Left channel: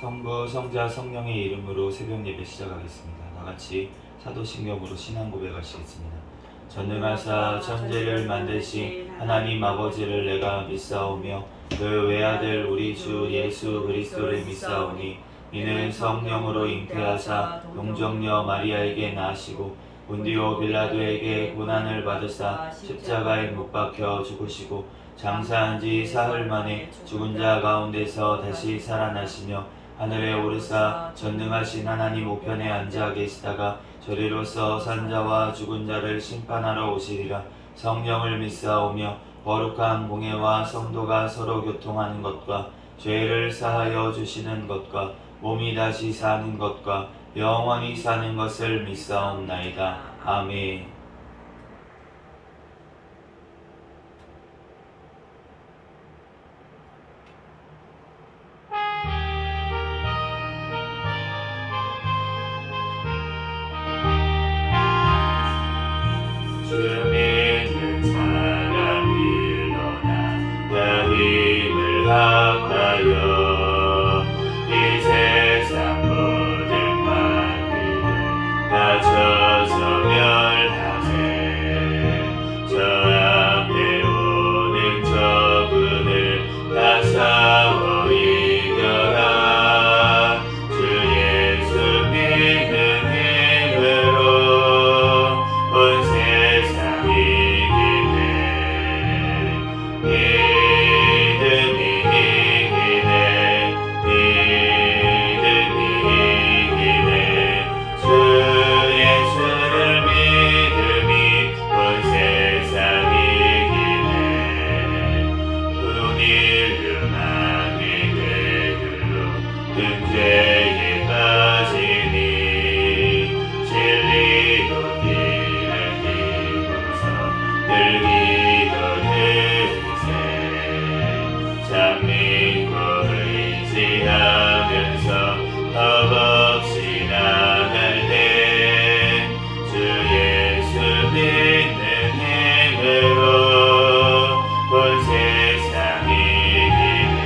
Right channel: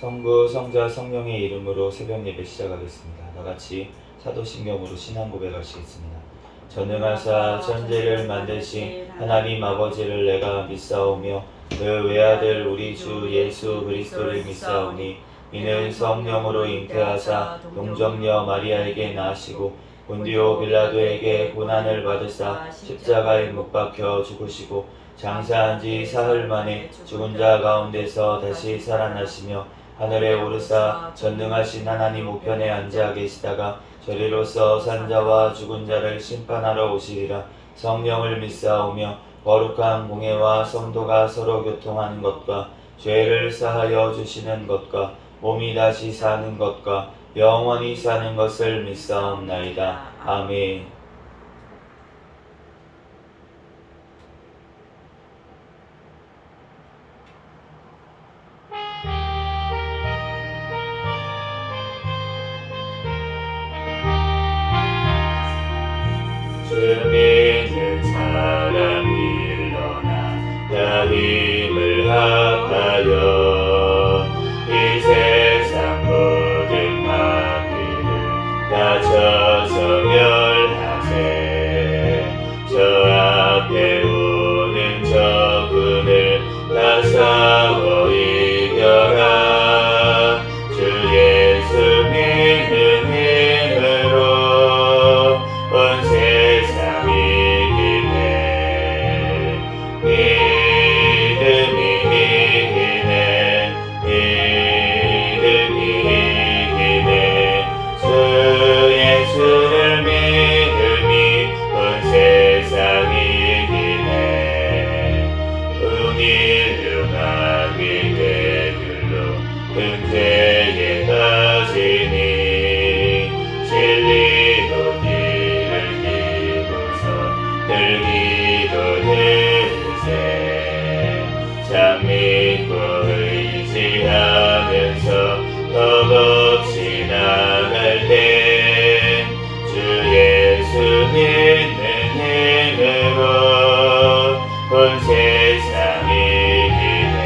성부, 성자, 성령의 이름으로 새벽 예배 시작하겠습니다. 다같이 사도신경으로 신앙 고백하시겠습니다. 전능하사 천지를 만드신 하나님 아버지를 내가 믿사오며 그 외아들 우리 주 예수 그리스도를 믿사오니 이는 성령으로 잉태하사 동정녀 마리아에게 낳으시고 본디오 빌라도에게 고난을 받으사 십자가에 못 박혀 죽으시고 장사한 지 사흘 만에 죽은 자 가운데서 다시 살아나시며 하늘에 오르사 전능하신 하나님 우편에 앉아 계시다가 저리로서 산자와 죽은 자를 심판하러 오시리라. 성령을 믿사오며 거룩한 공예와 성도가 서로 교통하는 것과 죄를 사하여 주시는 것과 몸이 다시 사는 것과 영원히 사는 것을 믿사옵나이다. 아멘. 주 믿는 사람 일어나 다 힘을 합하여 이 세상 모든 마귀를 다 쳐서 멸하세. 저 앞에 오는 적군을 다 싸워 이겨라. 주 예수 믿는 힘으로 온 세상이 이기네. 믿음이 이기네. 믿음이 이기네. 주 예수를 믿음이 온 세상이 이기네. 운일류나기 대결로 등죄에 빠지니 진리로 뒤를 기고서 늘기도 늘세. 참 믿고 의지하면서 겁없이 나갈 때 주 예수 믿는 힘으로 온 세상이 이기네.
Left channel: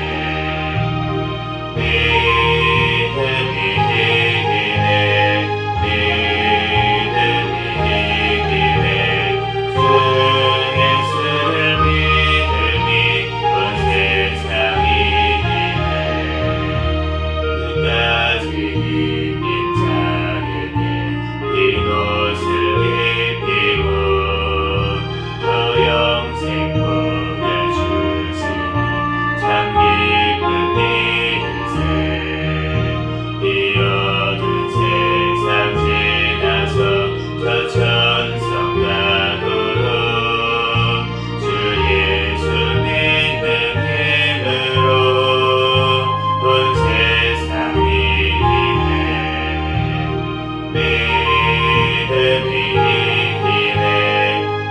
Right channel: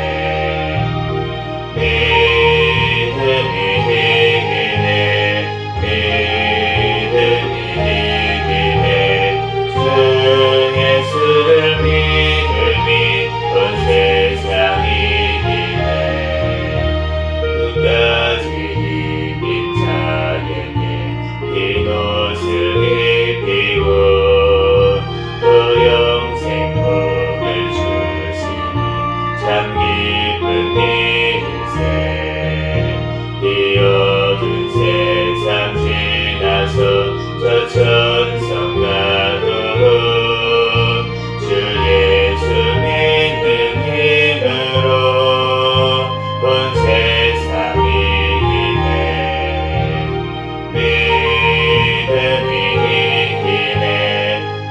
믿음이 이기네. 믿음이 이기네. 주 예수를 믿음이 온 세상이 이기네. 끝까지 이긴 자에게 흰 옷을 입히고 또 영생 복을 주시니 참 기쁜 일세. 이 어두운 세상 지나서 저 천성 가도록 주 예수 믿는 힘으로 온 세상이 이기네. 믿음이 이기네.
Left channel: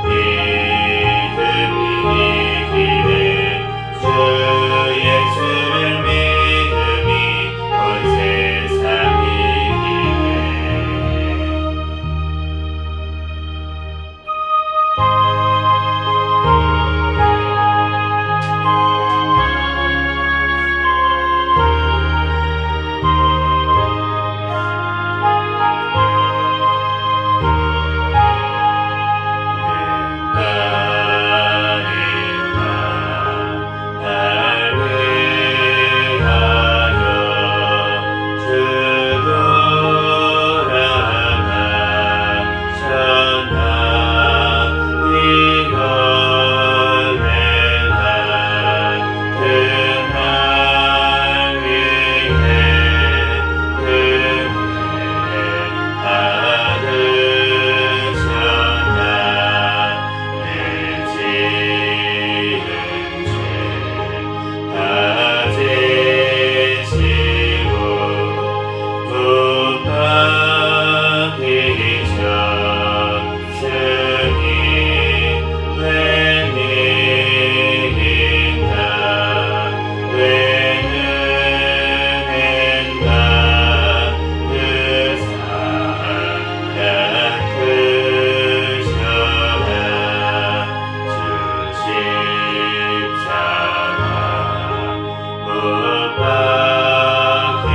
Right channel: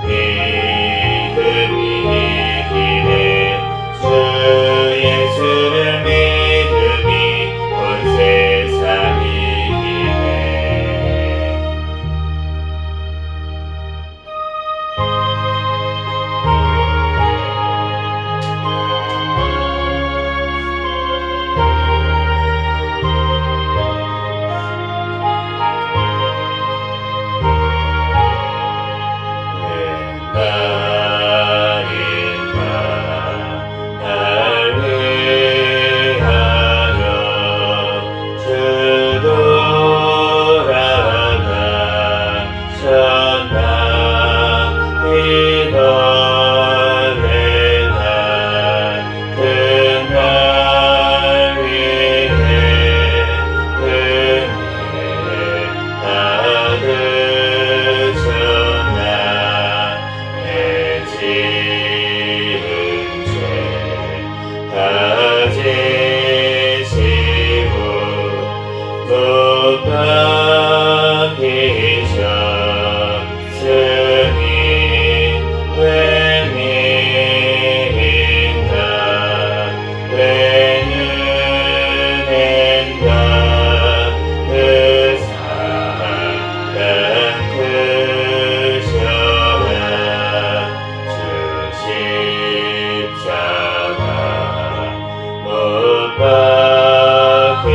믿음이 이기네. 주 예수를 믿음이 온 세상이 이기네. 날 위하여 주 돌아가셨나. 이거에 그날 위해 은혜 받으셨나. 내 지은 죄 다 지시고 못 박히셨으니 왜 믿는가. 왜 은혜인가. 그 사랑 크셔야 주 십자가 못 박히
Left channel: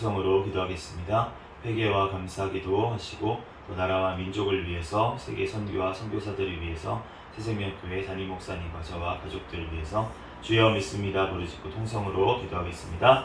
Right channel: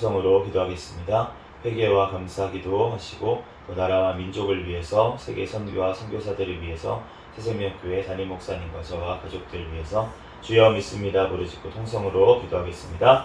통성으로 기도하겠습니다. 회개와 감사 기도하시고 또 나라와 민족을 위해서 세계 선교와 선교사들을 위해서 새생명교회 담임 목사님과 저와 가족들을 위해서 주여 믿습니다 부르짖고 통성으로 기도하겠습니다.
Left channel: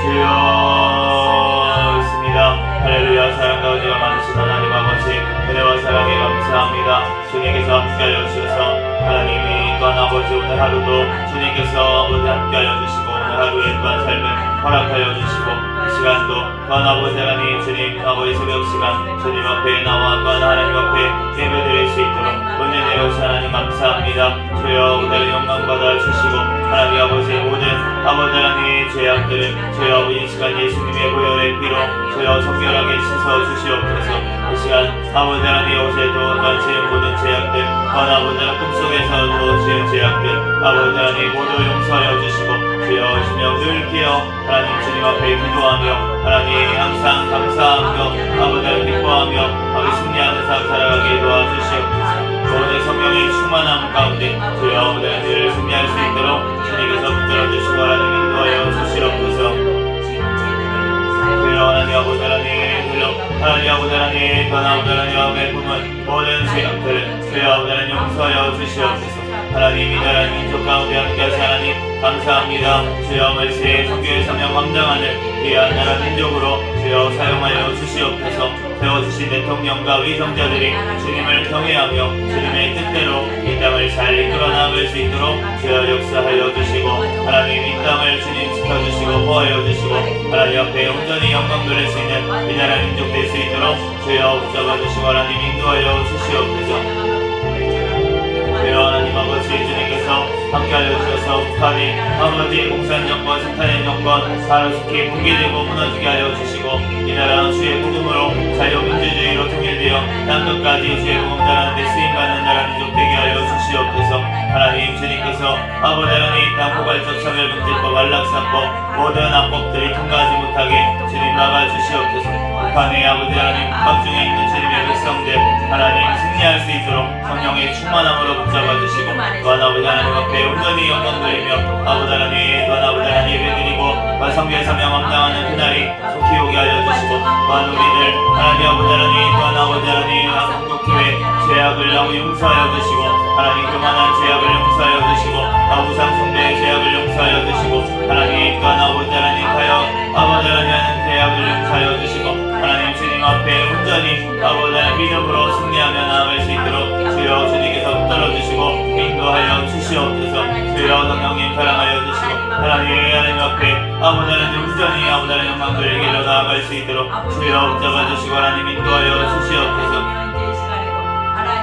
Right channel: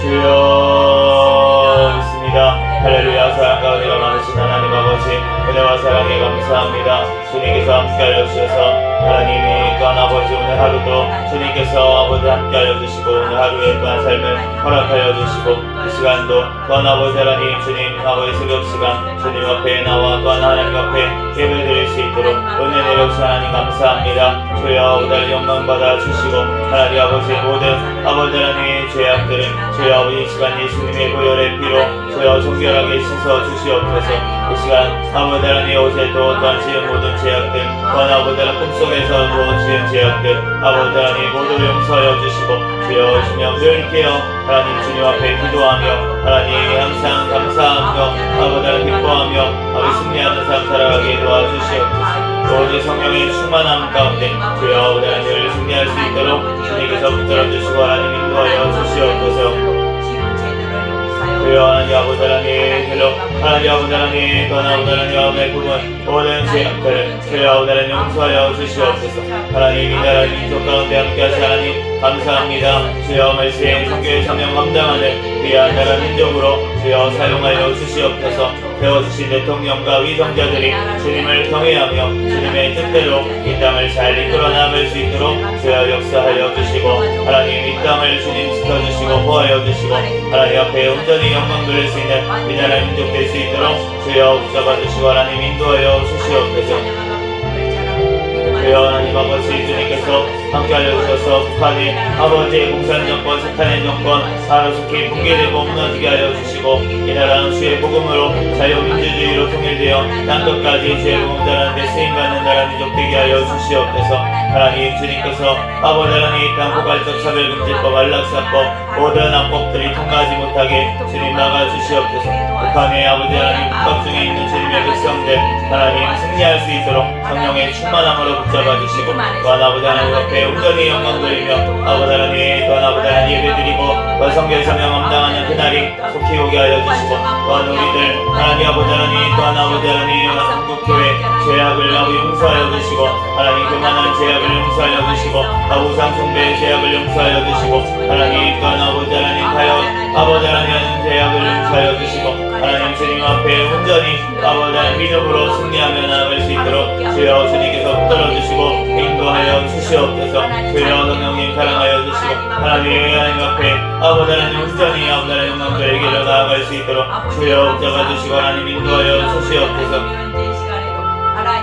주여 믿습니다. 할렐루야. 사랑 가운데가 많으신 하나님 아버지 은혜와 사랑에 감사합니다. 주님께서 함께하여 주셔서 하나님이 또한 아버지 오늘 하루도 주님께서 아버지 함께하여 주시고 오늘 하루의 또한 삶을 허락하여 주시고 이 시간도 또한 아버지 하나님 주님 아버지 새벽 시간 주님 앞에 나와 또한 하나님 앞에 예배드릴 수 있도록 은혜 내려주신 하나님 감사합니다. 주여 오늘 영광 받아 주시고 하나님 아버지 모든 아버지 하나님의 죄악들은 주여 아버지 이 시간 예수님의 보혈의 피로 주여 정결하게 씻어 주시옵소서. 이 시간 아버지 하나님 어제도 또한 지은 모든 죄악들 또한 아버지 하나님 꿈속에서도 지은 죄악들 아버지 하나님 모두 용서하여 주시고 주여 주명 늘 깨어 하나님 주님 앞에 기도하며 하나님 항상 감사하며 아버지 하나님 기뻐하며 승리하는 삶 살아가게 도와주시옵소서. 오직 성령의 충만함 가운데 주여 아버지 하나님을 승리할 수 있도록 주님께서 붙들어 주시고 하나님 인도하여 주시옵소서. 주여 하나님 아버지 하나님 주여 하나님 아버지 하나님 또한 아버지 하나님의 부분 모든 죄악들 주여 아버지 하나님 용서하여 주시옵소서. 하나님 이 나라 민족 가운데 함께하시 하나님 감사합니다. 주여 말씀의 종교의 사명 감당하는 귀한 나라 민족으로 주여 사용하여 주시옵소서. 세워주신 대통령과 위정자들이 주님을 경외하며 주님의 뜻대로 이 땅을 잘 이끌어 나갈 수 있도록 주여 역사하여 주시고 하나님 이 땅을 주님 지켜주시고 보호하여 주시고 하나님 앞에 온전히 영광 돌릴 수 있는 이 나라 민족 될 수 있도록 주여 붙잡아 주시고 하나님 인도하여 주시옵소서. 주여 하나님 아버지 주님께서 함께하여 주셔서 북한이 아버지의 공산정권 사탄의 정권 하루속히 붕괴되고 무너지게 하여 주시고 이 나라 주의 복음으로 자유민주주의로 통일되어 땅끝까지 주의 복음 전하는데 쓰임받는 나라 민족 되게 하여 주시옵소서. 하나님 주님께서 아버지 하나님 땅 포괄적 차별금지법 안락사법 모든 악법들이 통과하지 못하게 주님 막아주시옵소서. 북한의 아버지 하나님 북방 중에 있는 주님의 백성들 하나님 승리할 수 있도록 성령의 충만함으로 붙잡아주시고 또한 아버지 하나님 앞에 온전히 영광 돌리며 아버지 하나님 또한 아버지 하나님 예배드리고 또한 성결 사명 감당하는 그날이 속히 오게 하여 주시고 또한 우리들 하나님 아버지 하나님 또한 아버지 하나님 한국교회 죄악을 아버지 용서하여 주시고 하나님 그만한 죄악을 용서하여 주시고 우상숭배의 죄악을 용서하여 주시고 하나님 또한 아버지 하나님 하여 아버지 하나님 죄악을 용서하여 주시고 하나님 주님 앞에 온전히 아버지 하나님 믿음으로 승리하며 나아갈 수 있도록 주여 주님께서 붙들어주시고 인도하여 주시옵소서. 주여 성령님 사랑하여 주시고 하나님 앞에 아버지 하나님 온전히 아버지 하나님 영광을 이겨 나아갈 수 있도록 주여 붙잡아주시고 하나님 인도하여 주시옵소서.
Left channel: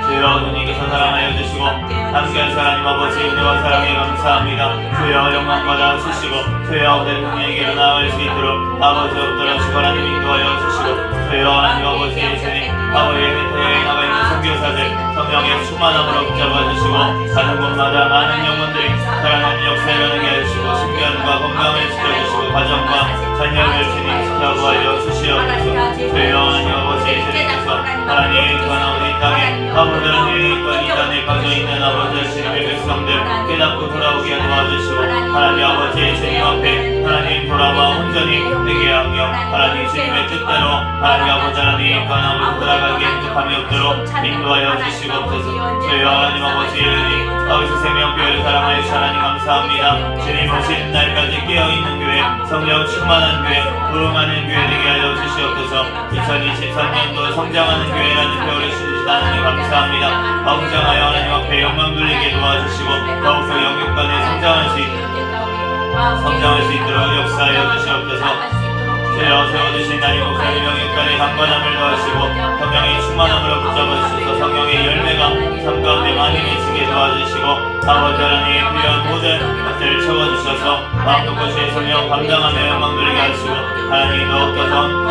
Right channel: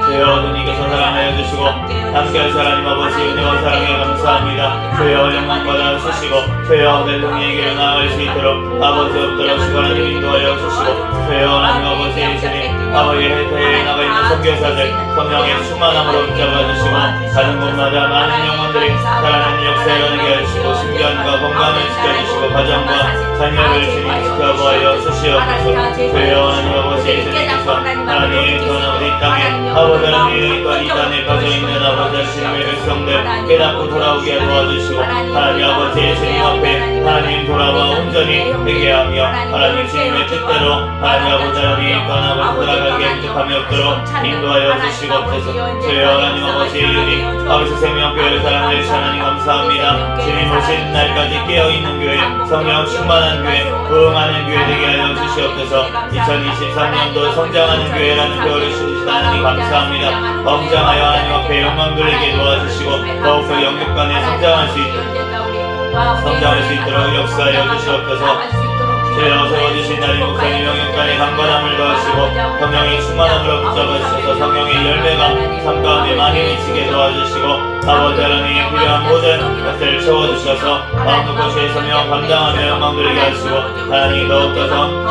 주여 주님께서 사랑하여 주시고 함께하시 하나님 아버지 은혜와 사랑에 감사합니다. 주여 영광 받아 주시고 주여 내 동에게 나아갈 수 있도록 아버지 붙들어주시고 하나님 인도하여 주시고 주여 하나님 아버지 주님 아버지 해태에 나와 있는 선교사들 성령의 충만함으로 붙잡아주시고 가는 곳마다 많은 영혼들이 사랑하는 역사를 일어나게 하시고 신변과 건강을 지켜주시고 가정과 자녀를 주님 지켜보아여 주시옵소서. 주여 하나님 아버지 주님께서 하나님 전하고 이 땅에 아버지 하나님 또한 이 땅에 빠져있는 아버지 주님의 백성들 깨닫고 돌아오게 도와주시고 하나님 아버지 주님 앞에 하나님 돌아와 온전히 회개하며 하나님 주님의 뜻대로 하나님 아버지 하나님 또한 아버지 돌아가게 행복함이 없도록 인도하여 주시옵소서. 주여 하나님 아버지 주님 아버지 생명교회를 사랑하시 하나님 감사합니다. 주님 오신 날까지 깨어있는 교회 성령 충만한 교회 부흥하는 교회 되게 하여 주시옵소서. 2023년도 성장하는 교회라는 표를 주시다 하나님 감사합니다. 성장하여 하나님 앞에 영광 돌리게 도와주시고 더욱더 영육간에 성장할 수 있도록 역사하여 주시옵소서. 주여 세워주신 나님 목사님 영육간에 강건함을 더하시고 성령의 충만함으로 붙잡아주셔서 성령의 열매가 삶 가운데 많이 미치게 도와주시고 아버지 하나님 필요한 모든 것을 채워주셔서 그것이 성령 감당하며 영광 돌리게 하시고 하나님 더욱더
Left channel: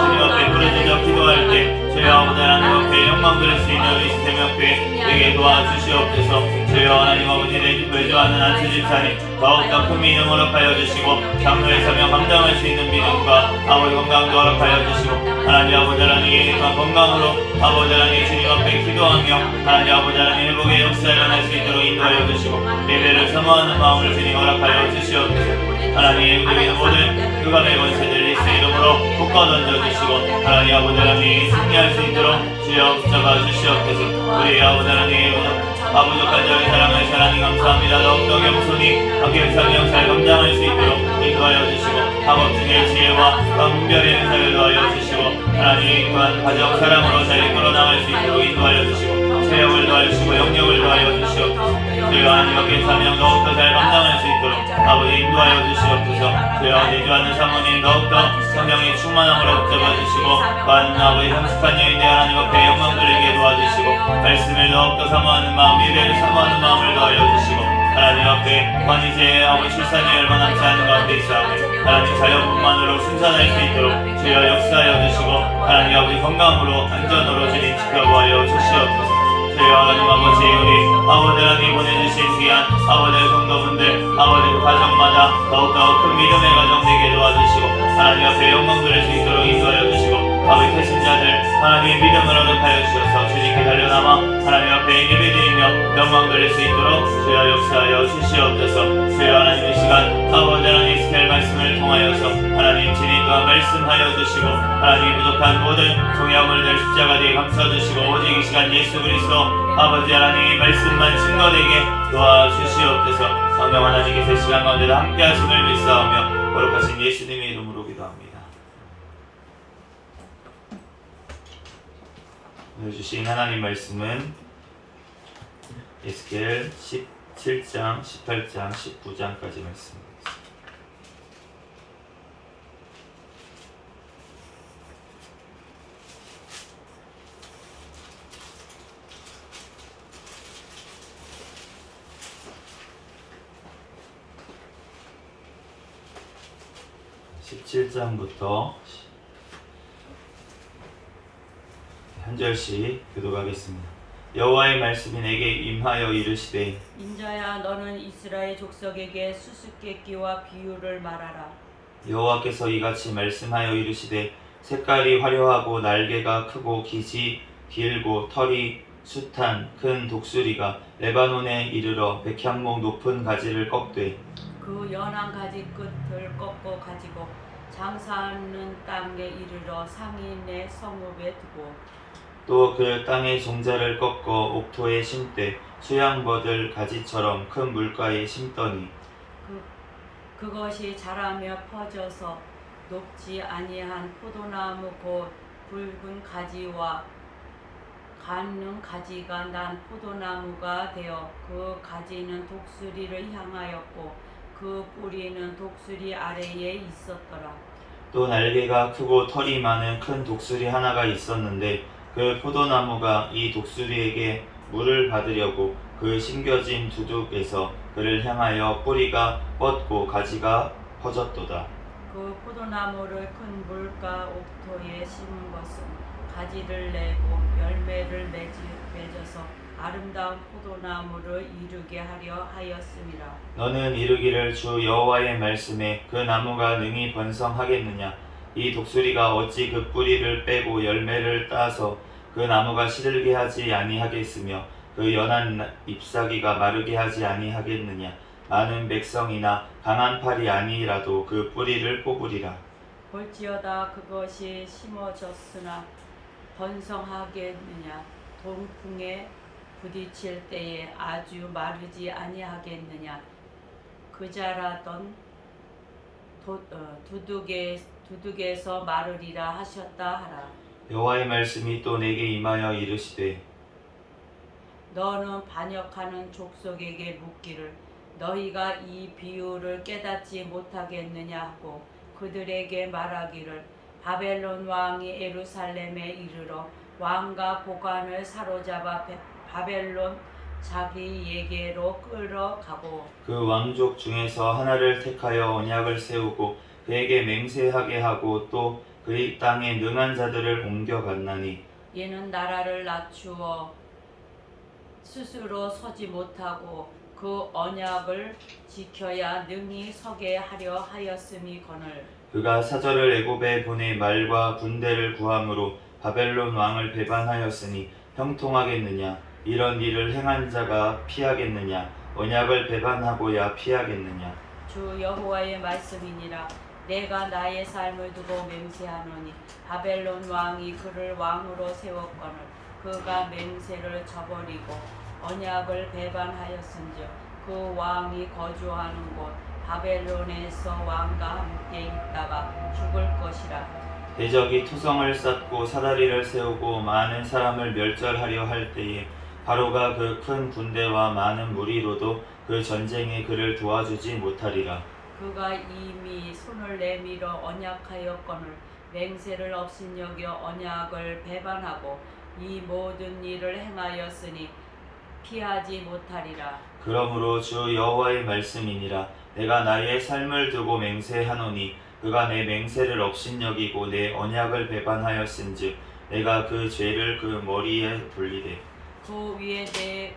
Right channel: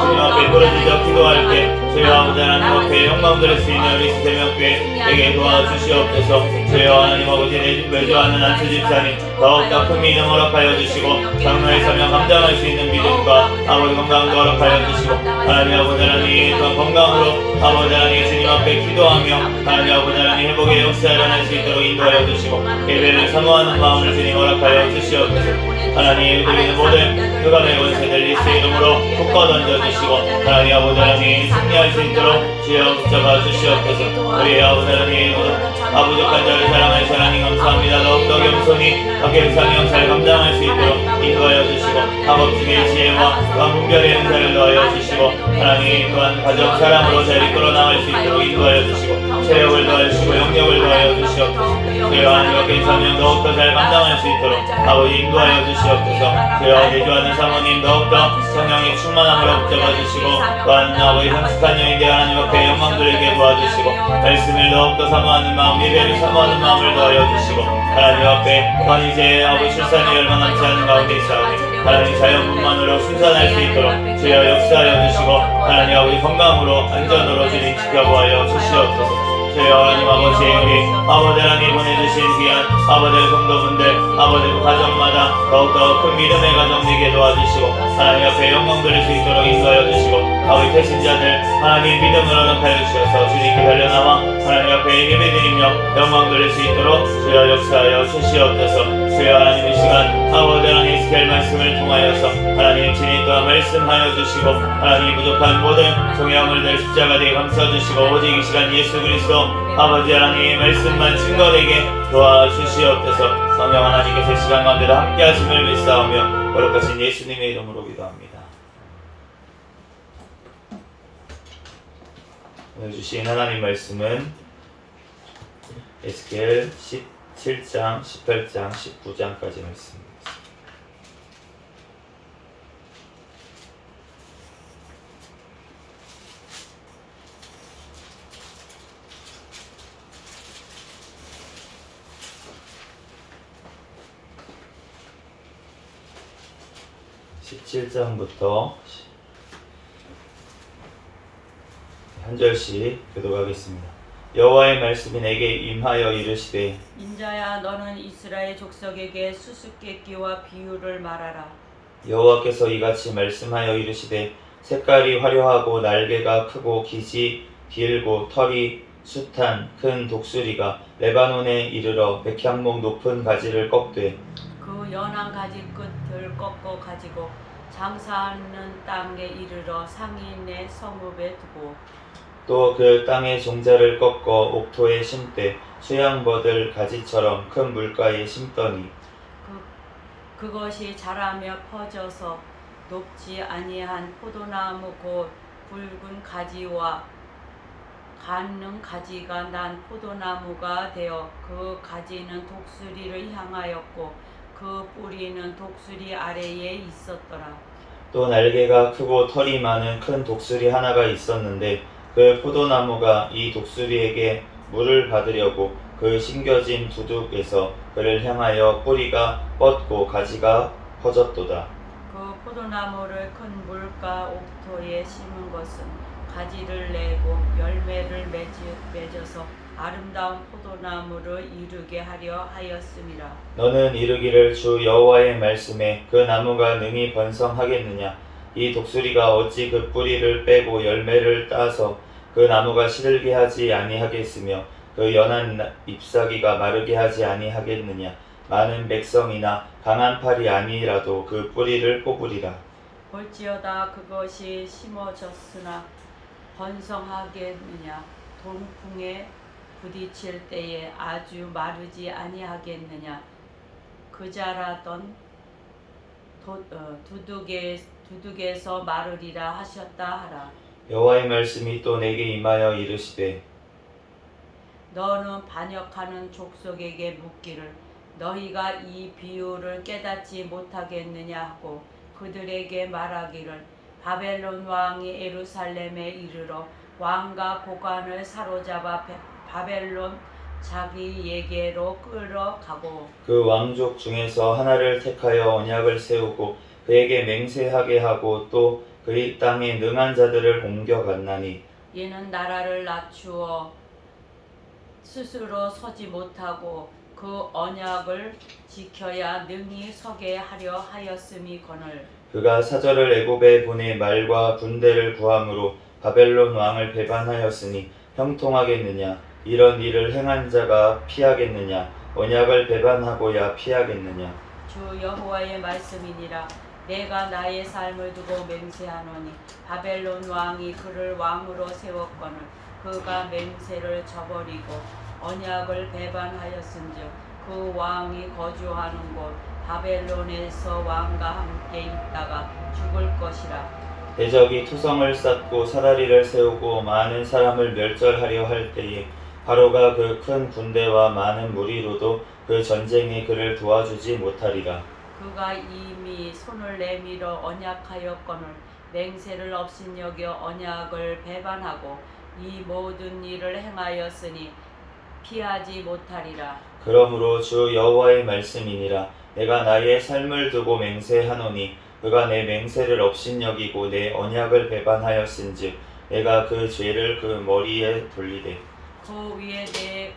주님 앞에 부르짖어 기도할 때 주여 아버지 하나님 앞에 영광 돌릴 수 있는 우리 세명교회 되게 도와주시옵소서. 주여 하나님 아버지 외조하는 안수 집사님 더욱더 큰 믿음 허락하여 주시고 장로의 사명 감당할 수 있는 믿음과 아버지 건강도 허락하여 주시고 하나님 아버지 하나님 건강으로 아버지 하나님 주님 앞에 기도하며 하나님 아버지 하나님 회복의 역사에 일어날 수 있도록 인도하여 주시고 예배를 사모하는 마음을 주님 허락하여 주시옵소서. 하나님 우리는 모든 흑암의 권세들 예수 이름으로 묶어 던져주시고 하나님 아버지 하나님 승리할 수 있도록 주여 붙잡아 주시옵소서. 우리 아버지 하나님 아부족한 자를 사랑하는 하나님 감사합니다. 더욱더 겸손히 함께 비상형 잘 감당할 수 있도록 인도하여 주시고 마법 중의 지혜와 분별의 은사를 더하여 주시고 하나님 또한 가정 사랑으로 잘 이끌어 나갈 수 있도록 인도하여 주시고 체력을 더하여 주시고 영역을 더하여 주시옵소서. 주여 하나님 앞에 비상형 더욱더 잘 감당할 수 있도록 아버지 인도하여 주시옵소서. 주여 내주하는 사모님 더욱더 성령의 충만함으로 붙잡아 주시고 또한 아버지 성숙한 영인데 하나님 앞에 영광 돌리게 도와주시고 말씀을 더욱더 사모하는 마음 예배를 사모하는 마음을 더하여 주시고 하나님 앞에 또한 이제 아버지 출산이 얼마 남지 않은 가운데 있사오니 하나님 자연분만으로 순산할 수 있도록 주여 역사하여 주시고 하나님 아버지 건강으로 안전으로 진행 지켜보아여 주시옵소서. 주여 하나님 아버지 여기 아버지 하나님 보내주신 귀한 아버지 성도분들 아버지 그 가정마다 더욱더 큰 믿음의 가정 되게 도와주시고 하나님 앞에 영광 돌릴 수 있도록 인도하여 주시고 아버지 태신자들 하나님 믿음을 허락하여 주셔서 주님께 달려나와 하나님 앞에 예배드리며 영광 돌릴 수 있도록 주여 역사하여 주시옵소서. 주여 하나님 이 시간 아버지 하나님 에스겔 말씀을 통하여서 하나님 진리 또한 말씀하여 주시고 하나님 부족한 모든 종양물들 십자가되게 감싸주시고 오직 이 시간 예수 그리스도 아버지 하나님 말씀만 증거되게 도와주시옵소서. 성령 하나님께서 이 시간 가운데도 함께 하심을 믿사오며 거룩하신 예수님의 이름으로 기도합니다. 오늘 주신 하나님 말씀은 에스겔 17장, 18장, 19장까지 말씀입니다. 17장부터 한 절씩 교독하겠습니다. 여호와의 말씀이 내게 임하여 이르시되 인자야 너는 이스라엘 족속에게 수수께끼와 비유를 말하라. 여호와께서 이같이 말씀하여 이르시되 색깔이 화려하고 날개가 크고 기지 길고 털이 숱한 큰 독수리가 레바논에 이르러 백향목 높은 가지를 꺾되 그 연한 가지 끝을 꺾어 가지고 장사하는 땅에 이르러 상인의 성읍에 두고 또 그 땅의 종자를 꺾어 옥토에 심되 수양버들 가지처럼 큰 물가에 심더니 그것이 자라며 퍼져서 높지 아니한 포도나무 곧 굵은 가지와 가는 가지가 난 포도나무가 되어 그 가지는 독수리를 향하였고 그 뿌리는 독수리 아래에 있었더라. 또 날개가 크고 털이 많은 큰 독수리 하나가 있었는데 그 포도나무가 이 독수리에게 물을 받으려고 그 심겨진 두둑에서 그를 향하여 뿌리가 뻗고 가지가 퍼졌도다. 그 포도나무를 큰 물가 옥토에 심은 것은 가지를 내고 열매를 맺어서 아름다운 포도나무를 이루게 하려 하였음이라. 너는 이르기를 주 여호와의 말씀에 그 나무가 능히 번성하겠느냐? 이 독수리가 어찌 그 뿌리를 빼고 열매를 따서 그 나무가 시들게 하지 아니하겠으며 그 연한 잎사귀가 마르게 하지 아니하겠느냐? 많은 백성이나 강한 팔이 아니라도 그 뿌리를 뽑으리라. 볼지어다 그것이 심어졌으나 번성하겠느냐? 동풍에 부딪힐 때에 아주 마르지 아니하겠느냐? 그 자라던 두둑에서 마르리라 하셨다 하라. 여호와의 말씀이 또 내게 임하여 이르시되 너는 반역하는 족속에게 묻기를 너희가 이 비유를 깨닫지 못하겠느냐 하고 그들에게 말하기를 바벨론 왕이 예루살렘에 이르러 왕과 고관을 사로잡아 바벨론 자기에게로 끌어가고 그 왕족 중에서 하나를 택하여 언약을 세우고 그에게 맹세하게 하고 또 그의 땅에 능한 자들을 옮겨갔나니 이는 나라를 낮추어 스스로 서지 못하고 그 언약을 지켜야 능히 서게 하려 하였음이거늘 그가 사절을 애굽에 보내 말과 군대를 구함으로 바벨론 왕을 배반하였으니 형통하겠느냐? 이런 일을 행한 자가 피하겠느냐? 언약을 배반하고야 피하겠느냐? 주 여호와의 말씀이니라. 내가 나의 삶을 두고 맹세하노니 바벨론 왕이 그를 왕으로 세웠거늘 그가 맹세를 저버리고 언약을 배반하였은즉 그 왕이 거주하는 곳 바벨론에서 왕과 함께 있다가 죽을 것이라. 대적이 투성을 쌓고 사다리를 세우고 많은 사람을 멸절하려 할 때에 바로가 그 큰 군대와 많은 무리로도 그 전쟁에 그를 도와주지 못하리라. 그가 이미 손을 내밀어 언약하였거늘 맹세를 업신여겨 언약을 배반하고 이 모든 일을 행하였으니 피하지 못하리라. 그러므로 주 여호와의 말씀이니라. 내가 나의 삶을 두고 맹세하노니 그가 내 맹세를 업신여기고 내 언약을 배반하였은즉 내가 그 죄를 그 머리에 돌리되 그 위에 내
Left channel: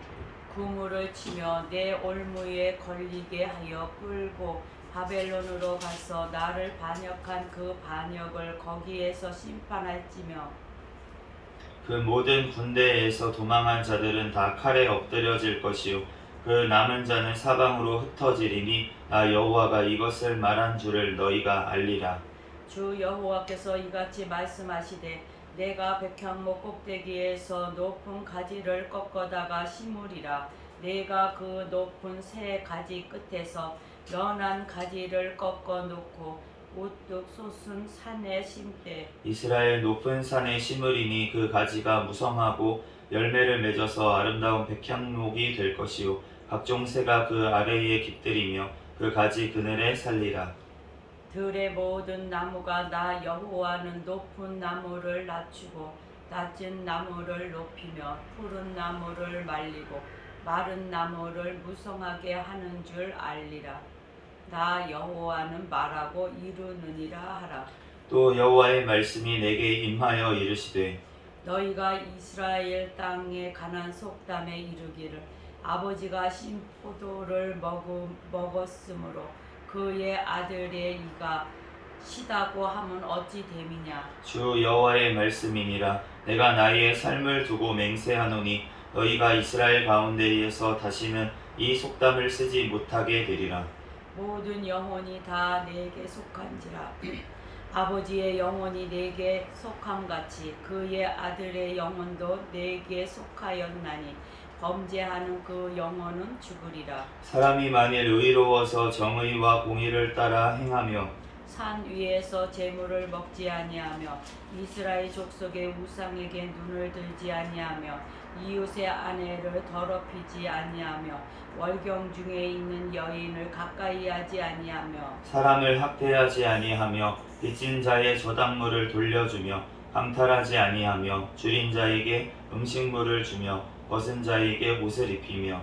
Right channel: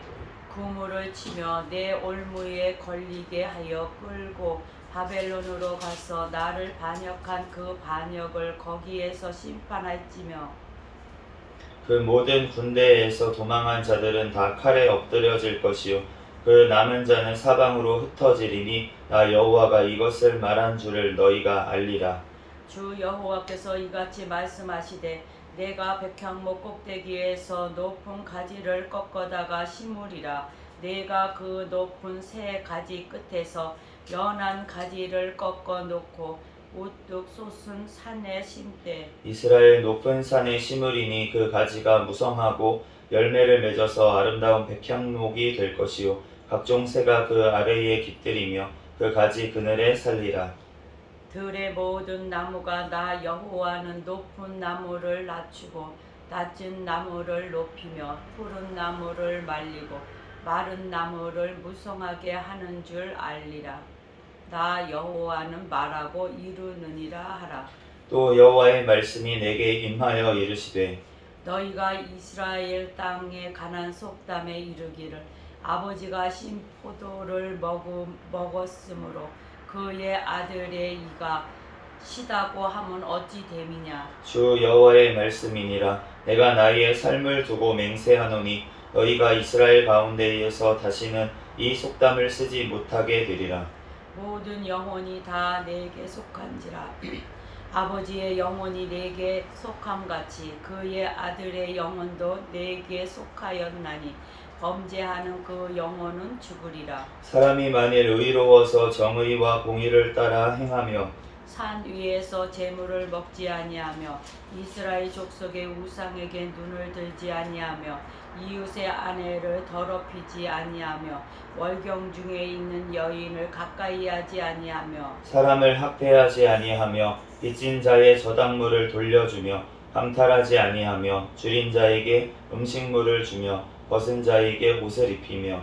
그물을 치며 내 올무에 걸리게 하여 끌고 바벨론으로 가서 나를 반역한 그 반역을 거기에서 심판할지며 그 모든 군대에서 도망한 자들은 다 칼에 엎드려질 것이요 그 남은 자는 사방으로 흩어지리니 나 여호와가 이것을 말한 줄을 너희가 알리라. 주 여호와께서 이같이 말씀하시되 내가 백향목 꼭대기에서 높은 가지를 꺾어다가 심으리라. 내가 그 높은 새 가지 끝에서 연한 가지를 꺾어 놓고 우뚝 솟은 산에 심되 이스라엘 높은 산에 심으리니 그 가지가 무성하고 열매를 맺어서 아름다운 백향목이 될 것이요 각종 새가 그 아래에 깃들이며 그 가지 그늘에 살리라. 들의 모든 나무가 나 여호와는 높은 나무를 낮추고 낮은 나무를 높이며 푸른 나무를 말리고 마른 나무를 무성하게 하는 줄 알리라. 나 여호와는 말하고 이루느니라 하라. 또 여호와의 말씀이 내게 임하여 이르시되 너희가 이스라엘 땅에 가난 속담에 이르기를 아버지가 신 포도를 먹었으므로 그의 아들의 이가 시다고 하면 어찌 됨이냐. 주 여호와의 말씀이니라. 내가 나의 삶을 두고 맹세하노니 너희가 이스라엘 가운데에서 다시는 이 속담을 쓰지 못하게 되리라. 모든 영혼이 다 내게 속한지라. 아버지의 영혼이 내게 속함같이 그의 아들의 영혼도 내게 속하였나니 범죄하는 그 영혼은 죽으리라. 사람이 만일 의로워서 정의와 공의를 따라 행하며 산 위에서 재물을 먹지 아니하며 이스라엘 족속의 우상에게 눈을 들지 아니하며 이웃의 아내를 더럽히지 아니하며 월경 중에 있는 여인을 가까이 하지 아니하며 사람을 학대하지 아니하며 빚진 자의 저당물을 돌려주며 강탈하지 아니하며 줄인 자에게 음식물을 주며 벗은 자에게 옷을 입히며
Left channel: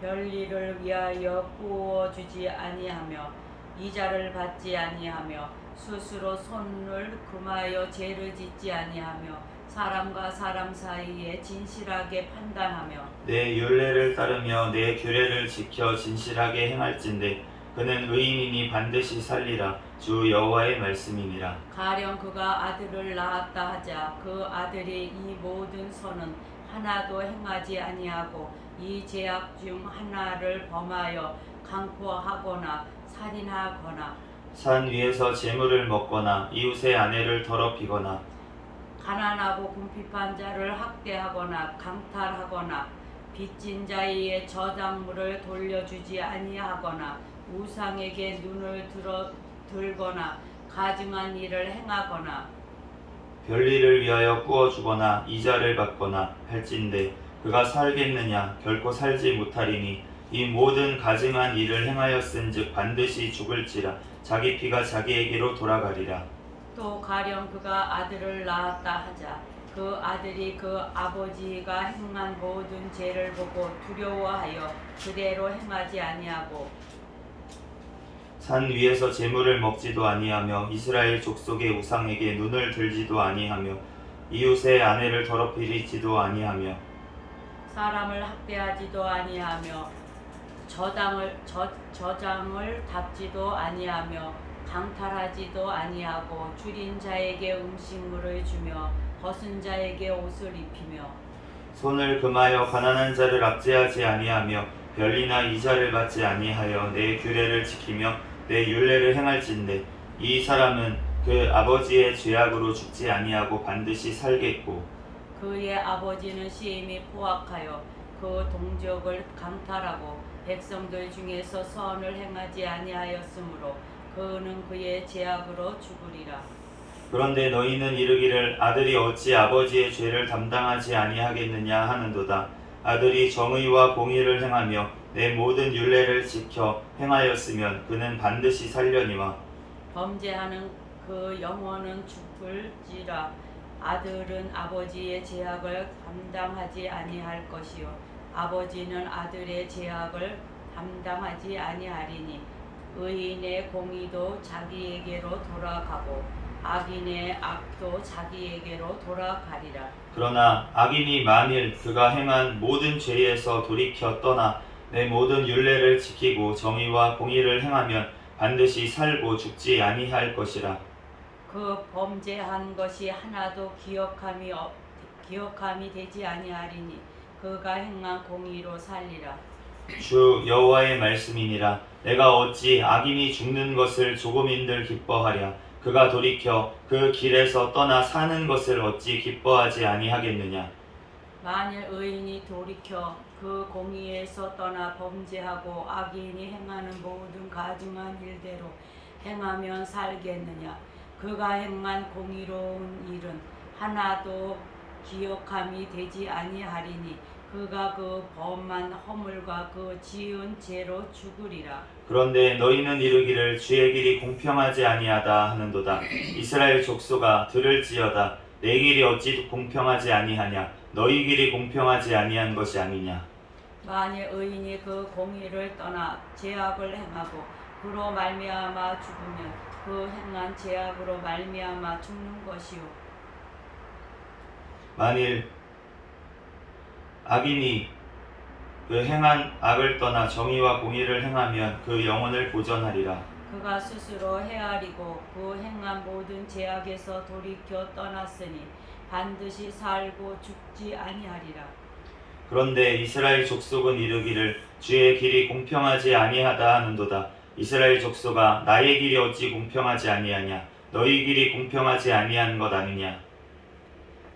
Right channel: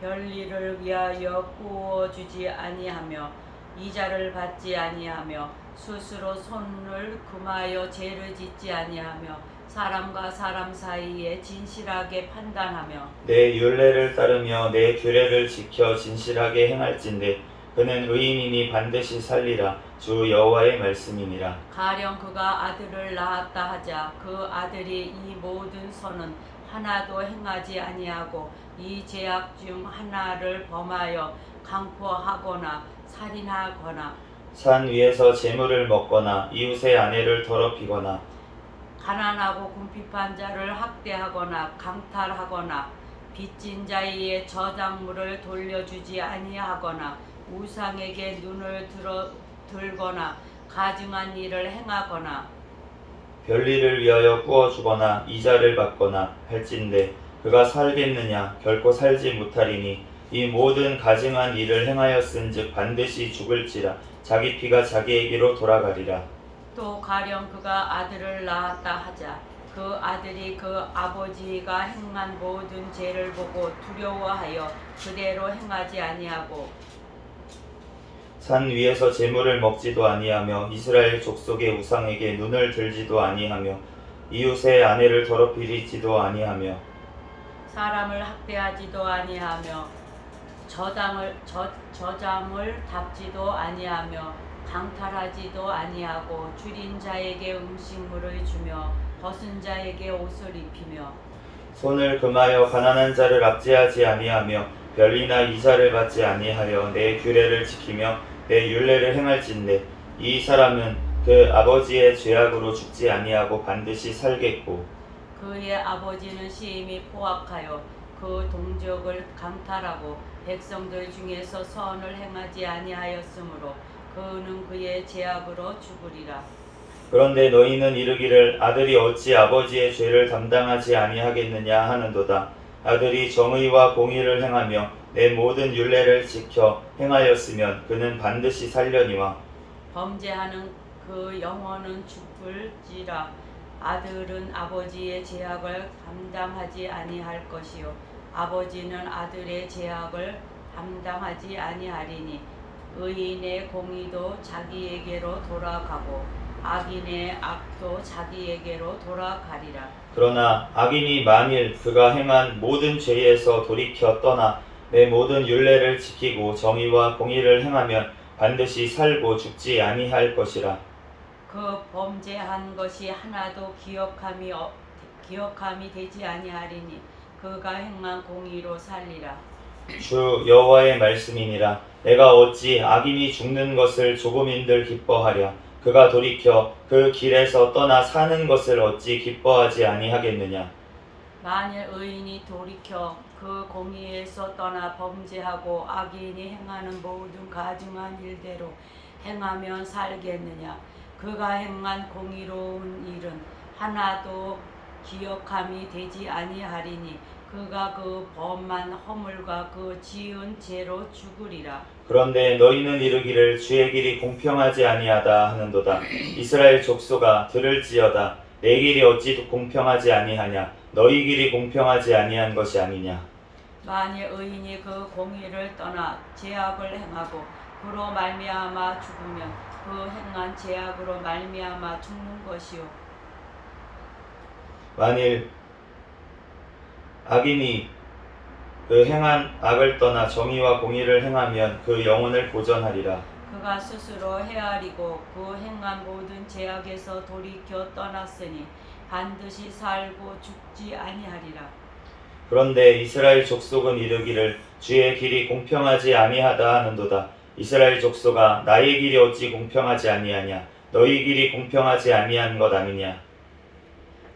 별일을 위하여 구워주지 아니하며 이자를 받지 아니하며 스스로 손을 금하여 죄를 짓지 아니하며 사람과 사람 사이에 진실하게 판단하며 내 율례를 따르며 내 규례를 지켜 진실하게 행할진대 그는 의인이니 반드시 살리라. 주 여호와의 말씀이니라. 가령 그가 아들을 낳았다 하자 그 아들이 이 모든 선은 하나도 행하지 아니하고 이 죄악 중 하나를 범하여 강포하거나 살인하거나 산 위에서 재물을 먹거나 이웃의 아내를 더럽히거나 가난하고 궁핍한 자를 학대하거나 강탈하거나 빚진 자의 저작물을 돌려주지 아니하거나 우상에게 눈을 들거나 가증한 일을 행하거나 별일을 위하여 구워주거나 이자를 받거나 할진대 그가 살겠느냐 결코 살지 못하리니 이 모든 가증한 일을 행하였은즉 반드시 죽을지라 자기 피가 자기에게로 돌아가리라. 또 가령 그가 아들을 낳았다 하자 그 아들이 그 아버지가 행한 모든 죄를 보고 두려워하여 그대로 행하지 아니하고 산 위에서 재물을 먹지도 아니하며 이스라엘 족속의 우상에게 눈을 들지도 아니하며 이웃의 아내를 더럽히지도 아니하며 사람을 학대하지도 아니하며 저장을 답지도 아니하며 강탈하지도 아니하고 줄인 자에게 음식물을 주며 벗은 자에게 옷을 입히며 손을 금하여 가난한 자를 압제하지 아니하며 별리나 이자를 받지 아니하여 내 규례를 지키며 내 율례를 행할진대 이 사람은 그 아버지의 죄악으로 죽지 아니하고 반드시 살겠고 그의 아버지는 시임이 포악하여 그 동족을 강탈하고 백성들 중에서 선을 행하지 아니하였으므로 그는 그의 죄악으로 죽으리라. 그런데 너희는 이르기를 아들이 어찌 아버지의 죄를 담당하지 아니하겠느냐 하는도다. 아들이 정의와 공의를 행하며 내 모든 율례를 지켜 행하였으면 그는 반드시 살려니와 범죄하는 그 영혼은 죽을지라. 아들은 아버지의 죄악을 감당하지 아니할 것이요 아버지는 아들의 죄악을 감당하지 아니하리니 의인의 공의도 자기에게로 돌아가고 악인의 악도 자기에게로 돌아가리라. 그러나 악인이 만일 그가 행한 모든 죄에서 돌이켜 떠나 내 모든 율례를 지키고 정의와 공의를 행하면 반드시 살고 죽지 아니할 것이라. 그 범죄한 것이 하나도 기억함이 되지 아니하리니 그가 행한 공의로 살리라. 주 여호와의 말씀이니라. 내가 어찌 악인이 죽는 것을 조금인들 기뻐하랴. 그가 돌이켜 그 길에서 떠나 사는 것을 어찌 기뻐하지 아니하겠느냐. 만일 의인이 돌이켜 그 공의에서 떠나 범죄하고 악인이 행하는 모든 가증한 일대로 행하면 살겠느냐. 그가 행한 공의로운 일은 하나도 기억함이 되지 아니하리니 그가 그 범한 허물과 그 지은 죄로 죽으리라. 그런데 너희는 이르기를 주의 길이 공평하지 아니하다 하는도다. 이스라엘 족속아 들을지어다. 내 길이 어찌 공평하지 아니하냐. 너희 길이 공평하지 아니한 것이 아니냐. 만일 의인이 그 공의를 떠나 죄악을 행하고 그로 말미암아 죽으면 그 행한 죄악으로 말미암아 죽는 것이요 만일 악인이 그 행한 악을 떠나 정의와 공의를 행하면 그 영혼을 보전하리라. 그가 스스로 헤아리고 그 행한 모든 죄악에서 돌이켜 떠났으니 반드시 살고 죽지 아니하리라. 그런데 이스라엘 족속은 이르기를 주의 길이 공평하지 아니하다 하는도다. 이스라엘 족속아 나의 길이 어찌 공평하지 아니하냐. 너희 길이 공평하지 아니한 것 아니냐.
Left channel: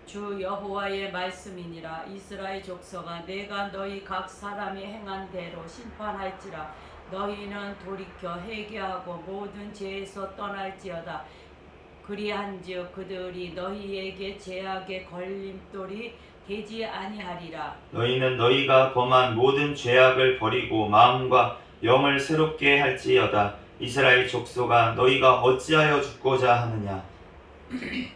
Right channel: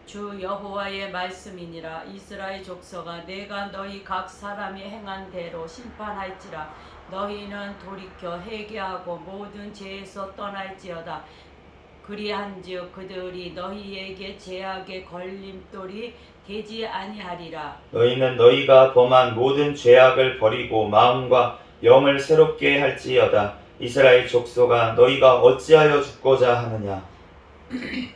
주 여호와의 말씀이니라. 이스라엘 족속아 내가 너희 각 사람이 행한 대로 심판할지라. 너희는 돌이켜 회개하고 모든 죄에서 떠날지어다. 그리한즉 그들이 너희에게 죄악의 걸림돌이 되지 아니하리라. 너희는 너희가 범한 모든 죄악을 버리고 마음과 영을 새롭게 할지어다. 이스라엘 족속아 너희가 어찌하여 죽고자 하느냐.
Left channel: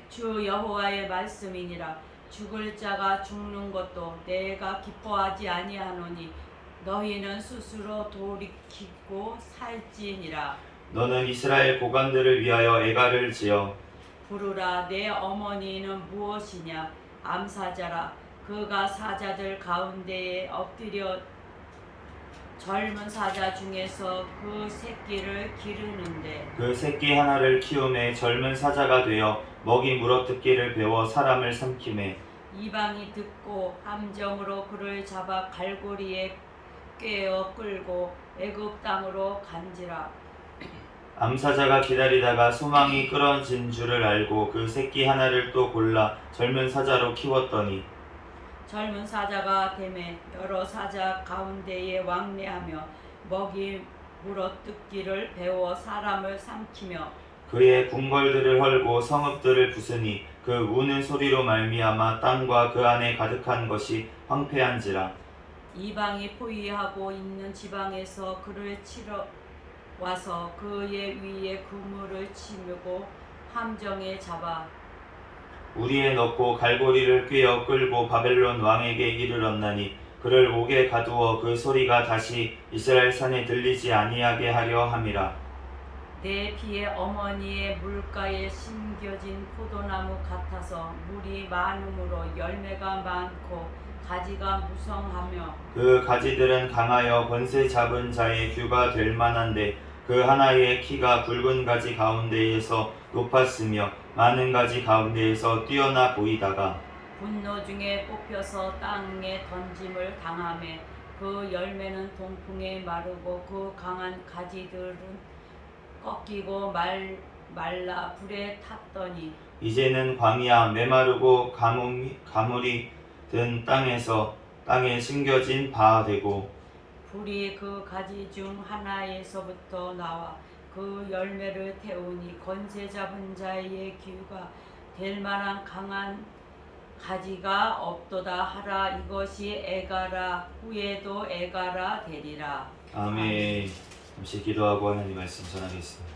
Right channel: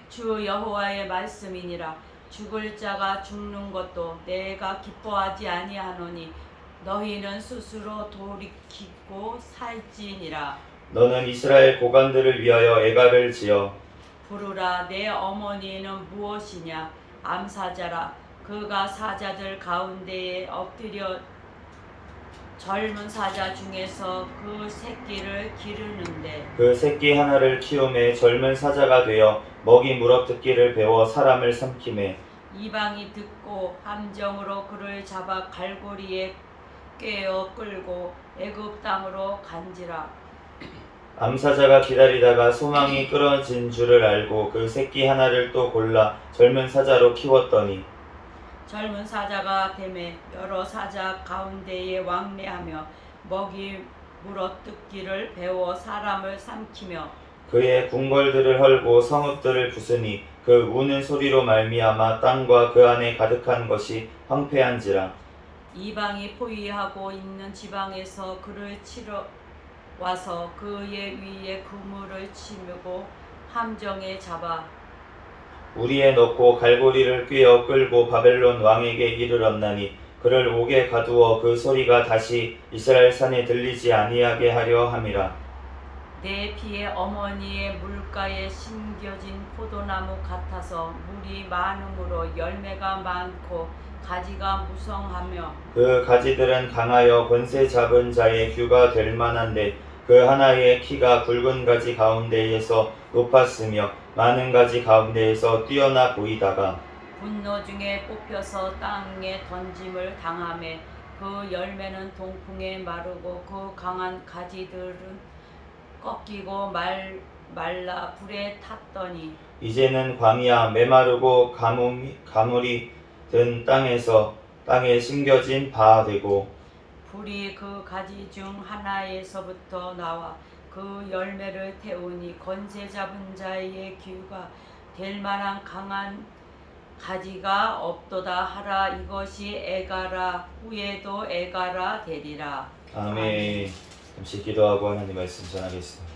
주 여호와의 말씀이니라. 죽을 자가 죽는 것도 내가 기뻐하지 아니하노니 너희는 스스로 돌이키고 살지니라. 너는 이스라엘 고관들을 위하여 애가를 지어 부르라. 내 어머니는 무엇이냐. 암사자라. 그가 사자들 가운데에 엎드려 젊은 사자 중에서 그 새끼를 기르는데 그 새끼 하나를 키우매 젊은 사자가 되어 먹이 물어뜯기를 배워 사람을 삼키매 이방이 듣고 함정으로 그를 잡아 갈고리에 꿰어 끌고 애굽 땅으로 간지라. 암사자가 기다리다가 소망이 끊어진 줄을 알고 그 새끼 하나를 또 골라 젊은 사자로 키웠더니 젊은 사자가 되매 여러 사자 가운데에 왕래하며 먹이 물어뜯기를 배워 사람을 삼키며 그의 궁궐들을 헐고 성읍들을 부수니 그 우는 소리로 말미암아 땅과 그 안에 가득한 것이 황폐한지라. 이방이 포위하고 있는 지방에서 그를 치러 와서 그의 위에 그물을 치고 함정에 잡아 우리에 넣고 갈고리를 꿰어 끌고 바벨론 왕에게 이르렀나니 그를 옥에 가두어 그 소리가 다시 이스라엘 산에 들리지 아니하게 하려 함이라. 내 피의 어머니의 물가에 심겨진 포도나무 같아서 물이 많음으로 열매가 많고 가지가 무성하며 그 가지들은 강하여 권세 잡은 자의 규가 될 만한데 그 하나의 키가 굵은 가지 가운데에서 높았으며 많은 가지 가운데에서 뛰어나 보이다가 분노 중에 뽑혀서 땅에 던짐을 당하매 그 열매는 동풍에 마르고 그 강한 가지들은 꺾이고 말라 불에 탔더니 이제는 광야 메마르고 가물이 든 땅에 심겨진 바 되고 불이 그 가지 중 하나에서부터 나와 그 열매를 태우니 권세 잡은 자의 귀가 될 만한 강한 가지가 없도다 하라. 이것이 에가라 후에도 에가라 되리라. 아멘. 잠시 기도하고 하나님 말씀 전하겠습니다.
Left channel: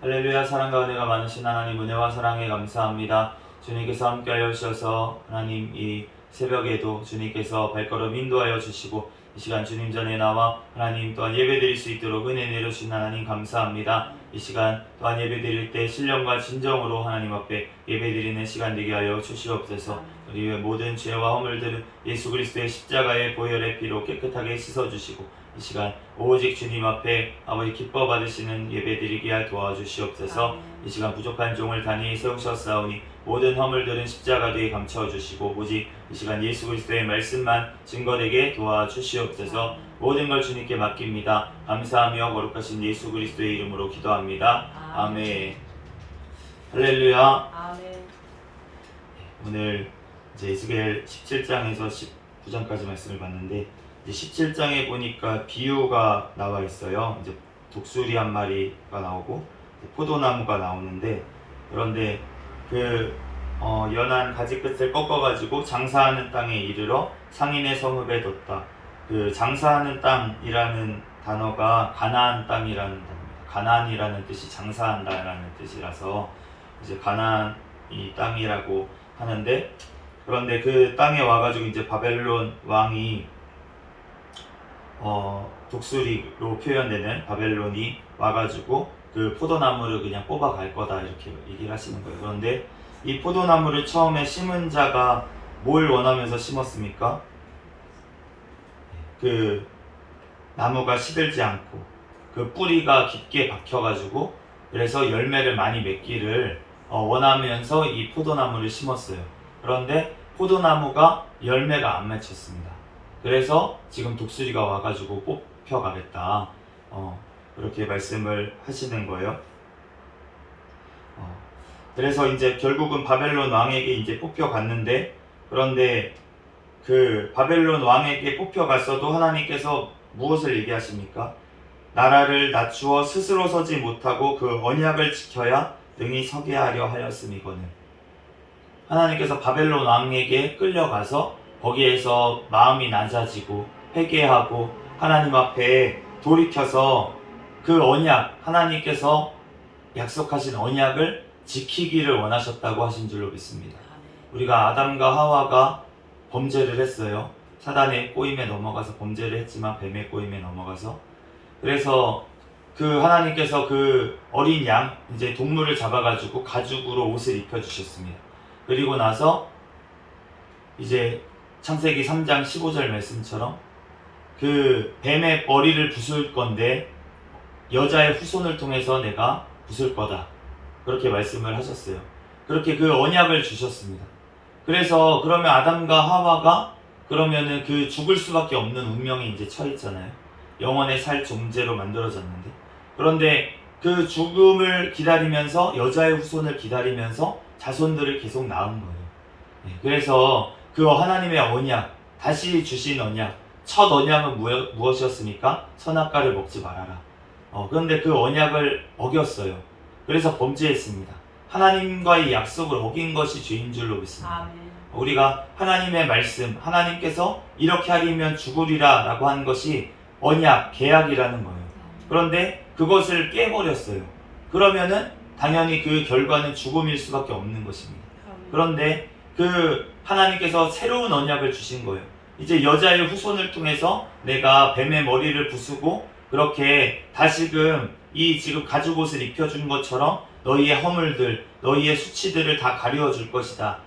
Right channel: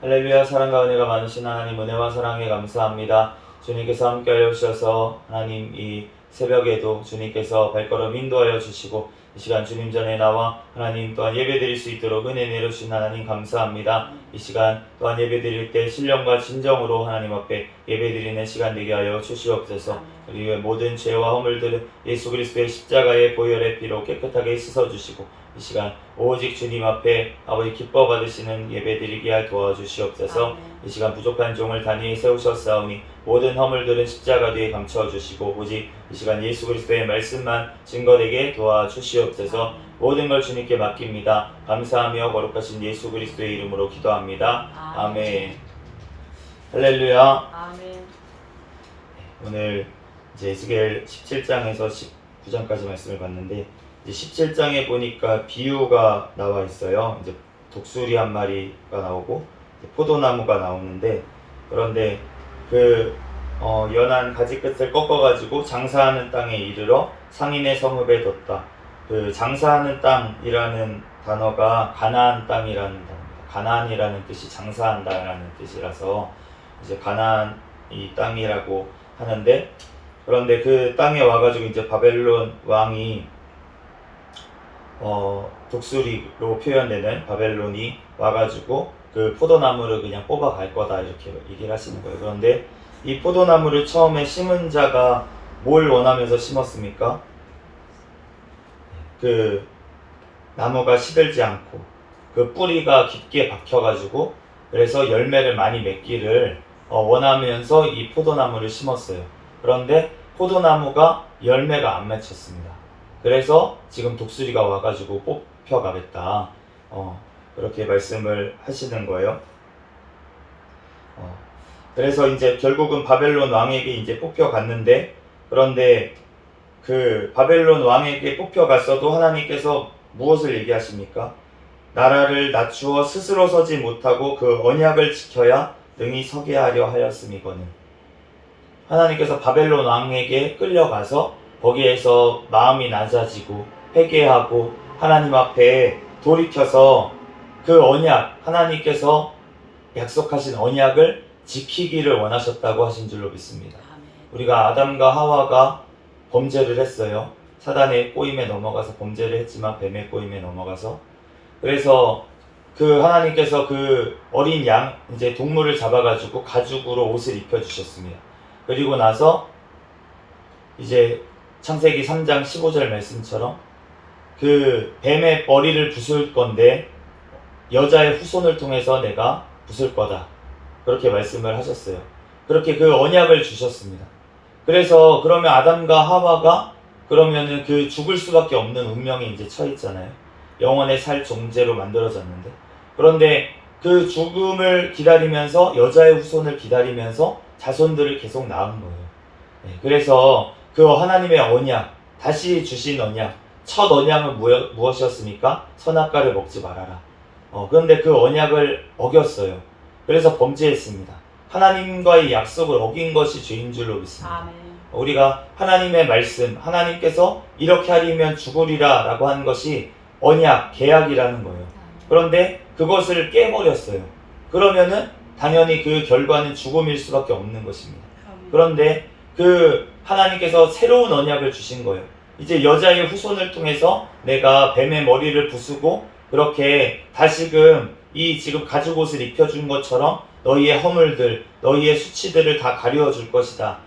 할렐루야. 사랑과 은혜가 많으신 하나님, 은혜와 사랑에 감사합니다. 주님께서 함께하여 주셔서 하나님 이 새벽에도 주님께서 발걸음 인도하여 주시고 이 시간 주님 전에 나와 하나님 또한 예배드릴 수 있도록 은혜 내려주신 하나님 감사합니다. 이 시간 또한 예배드릴 때 신령과 진정으로 하나님 앞에 예배드리는 시간 되게 하여 주시옵소서. 우리의 모든 죄와 허물들은 예수 그리스도의 십자가의 보혈의 피로 깨끗하게 씻어주시고 이 시간 오직 주님 앞에 아버지 기뻐 받으시는 예배드리게 하여 도와주시옵소서. 아멘. 이 시간 부족한 종을 단위에 세우셨사오니 모든 허물들은 십자가 뒤에 감춰주시고 오직 이 시간 예수 그리스도의 말씀만 증거되게 도와주시옵소서. 아멘. 모든 걸 주님께 맡깁니다. 감사하며 거룩하신 예수 그리스도의 이름으로 기도합니다. 아멘. 할렐루야. 아멘. 오늘 이제 에스겔 17장에서 19장까지 말씀을 봤는데 이제 17장에 보니까 비유가 나와 있어요. 이제 독수리 한 마리가 나오고 포도나무가 나오는데 그런데 그 연한 가지 끝을 꺾어가지고 장사하는 땅에 이르러 상인의 성읍에 뒀다. 그 장사하는 땅이라는 단어가 가나안 땅이라는 단어입니다. 가나안이라는 뜻이 장사한다라는 뜻이라서 이제 가나안이 땅이라고 하는데 그런데 그 땅에 와가지고 이제 바벨론 왕이 독수리로 표현되는 바벨론이 와가지고 그 포도나무를 그냥 뽑아갈 거다 이렇게 얘기를 하시는 거예요. 그런데 이 포도나무를 처음에 심은 자가 뭘 원하면서 심었습니까? 그 나무가 시들지 않고 그 뿌리가 깊게 박혀가지고 그래서 열매를 많이 맺기를 원하면서 이 포도나무를 심었어요. 그런데 포도나무가 열매가 안 맺혔습니다. 그래서 지금 독수리가 와가지고 뽑혀가겠다. 그렇게 말씀을 하시는 거예요. 그래서 이제 결국은 바벨론 왕에게 이제 뽑혀갔는데 그런데 그 바벨론 왕에게 뽑혀갔어도 하나님께서 무엇을 얘기하십니까? 나라를 낮추어 스스로 서지 못하고 그 언약을 지켜야 능히 서게 하려 하였음이거늘. 하나님께서 바벨론 왕에게 끌려가서 거기에서 마음이 낮아지고 회개하고 하나님 앞에 돌이켜서 그 언약, 하나님께서 약속하신 언약을 지키기를 원하셨다고 하신 줄로 믿습니다. 아멘. 우리가 아담과 하와가 범죄를 했어요. 사단의 꼬임에 넘어가서 범죄를 했지만 뱀의 꼬임에 넘어가서 그래서 그 하나님께서 그 어린 양 이제 동물을 잡아가지고 가죽으로 옷을 입혀주셨습니다. 그리고 나서 이제 창세기 3장 15절 말씀처럼 그 뱀의 머리를 부술 건데 여자의 후손을 통해서 내가 부술 거다. 그렇게 말씀을 하셨어요. 그렇게 그 언약을 주셨습니다. 그래서 그러면 아담과 하와가 그러면은 그 죽을 수밖에 없는 운명에 이제 처했잖아요. 영원의 살 존재로 만들어졌는데 그런데 그 죽음을 기다리면서 여자의 후손을 기다리면서 자손들을 계속 낳은 거예요. 그래서 그 하나님의 언약, 다시 주신 언약, 첫 언약은 무엇이었습니까? 선악과를 먹지 말아라. 그런데 그 언약을 어겼어요. 그래서 범죄했습니다. 하나님과의 약속을 어긴 것이 죄인 줄로 믿습니다. 아멘. 우리가 하나님의 말씀, 하나님께서 이렇게 하리면 죽으리라 라고 한 것이 언약, 계약이라는 거예요. 그런데 그것을 깨버렸어요. 그러면은 당연히 그 결과는 죽음일 수밖에 없는 것입니다. 그런데 그 하나님께서 새로운 언약을 주신 거예요. 이제 여자의 후손을 통해서 내가 뱀의 머리를 부수고 그렇게 다시금 이 지금 가죽옷을 입혀준 것처럼 너희의 허물들, 너희의 수치들을 다 가리워 줄 것이다.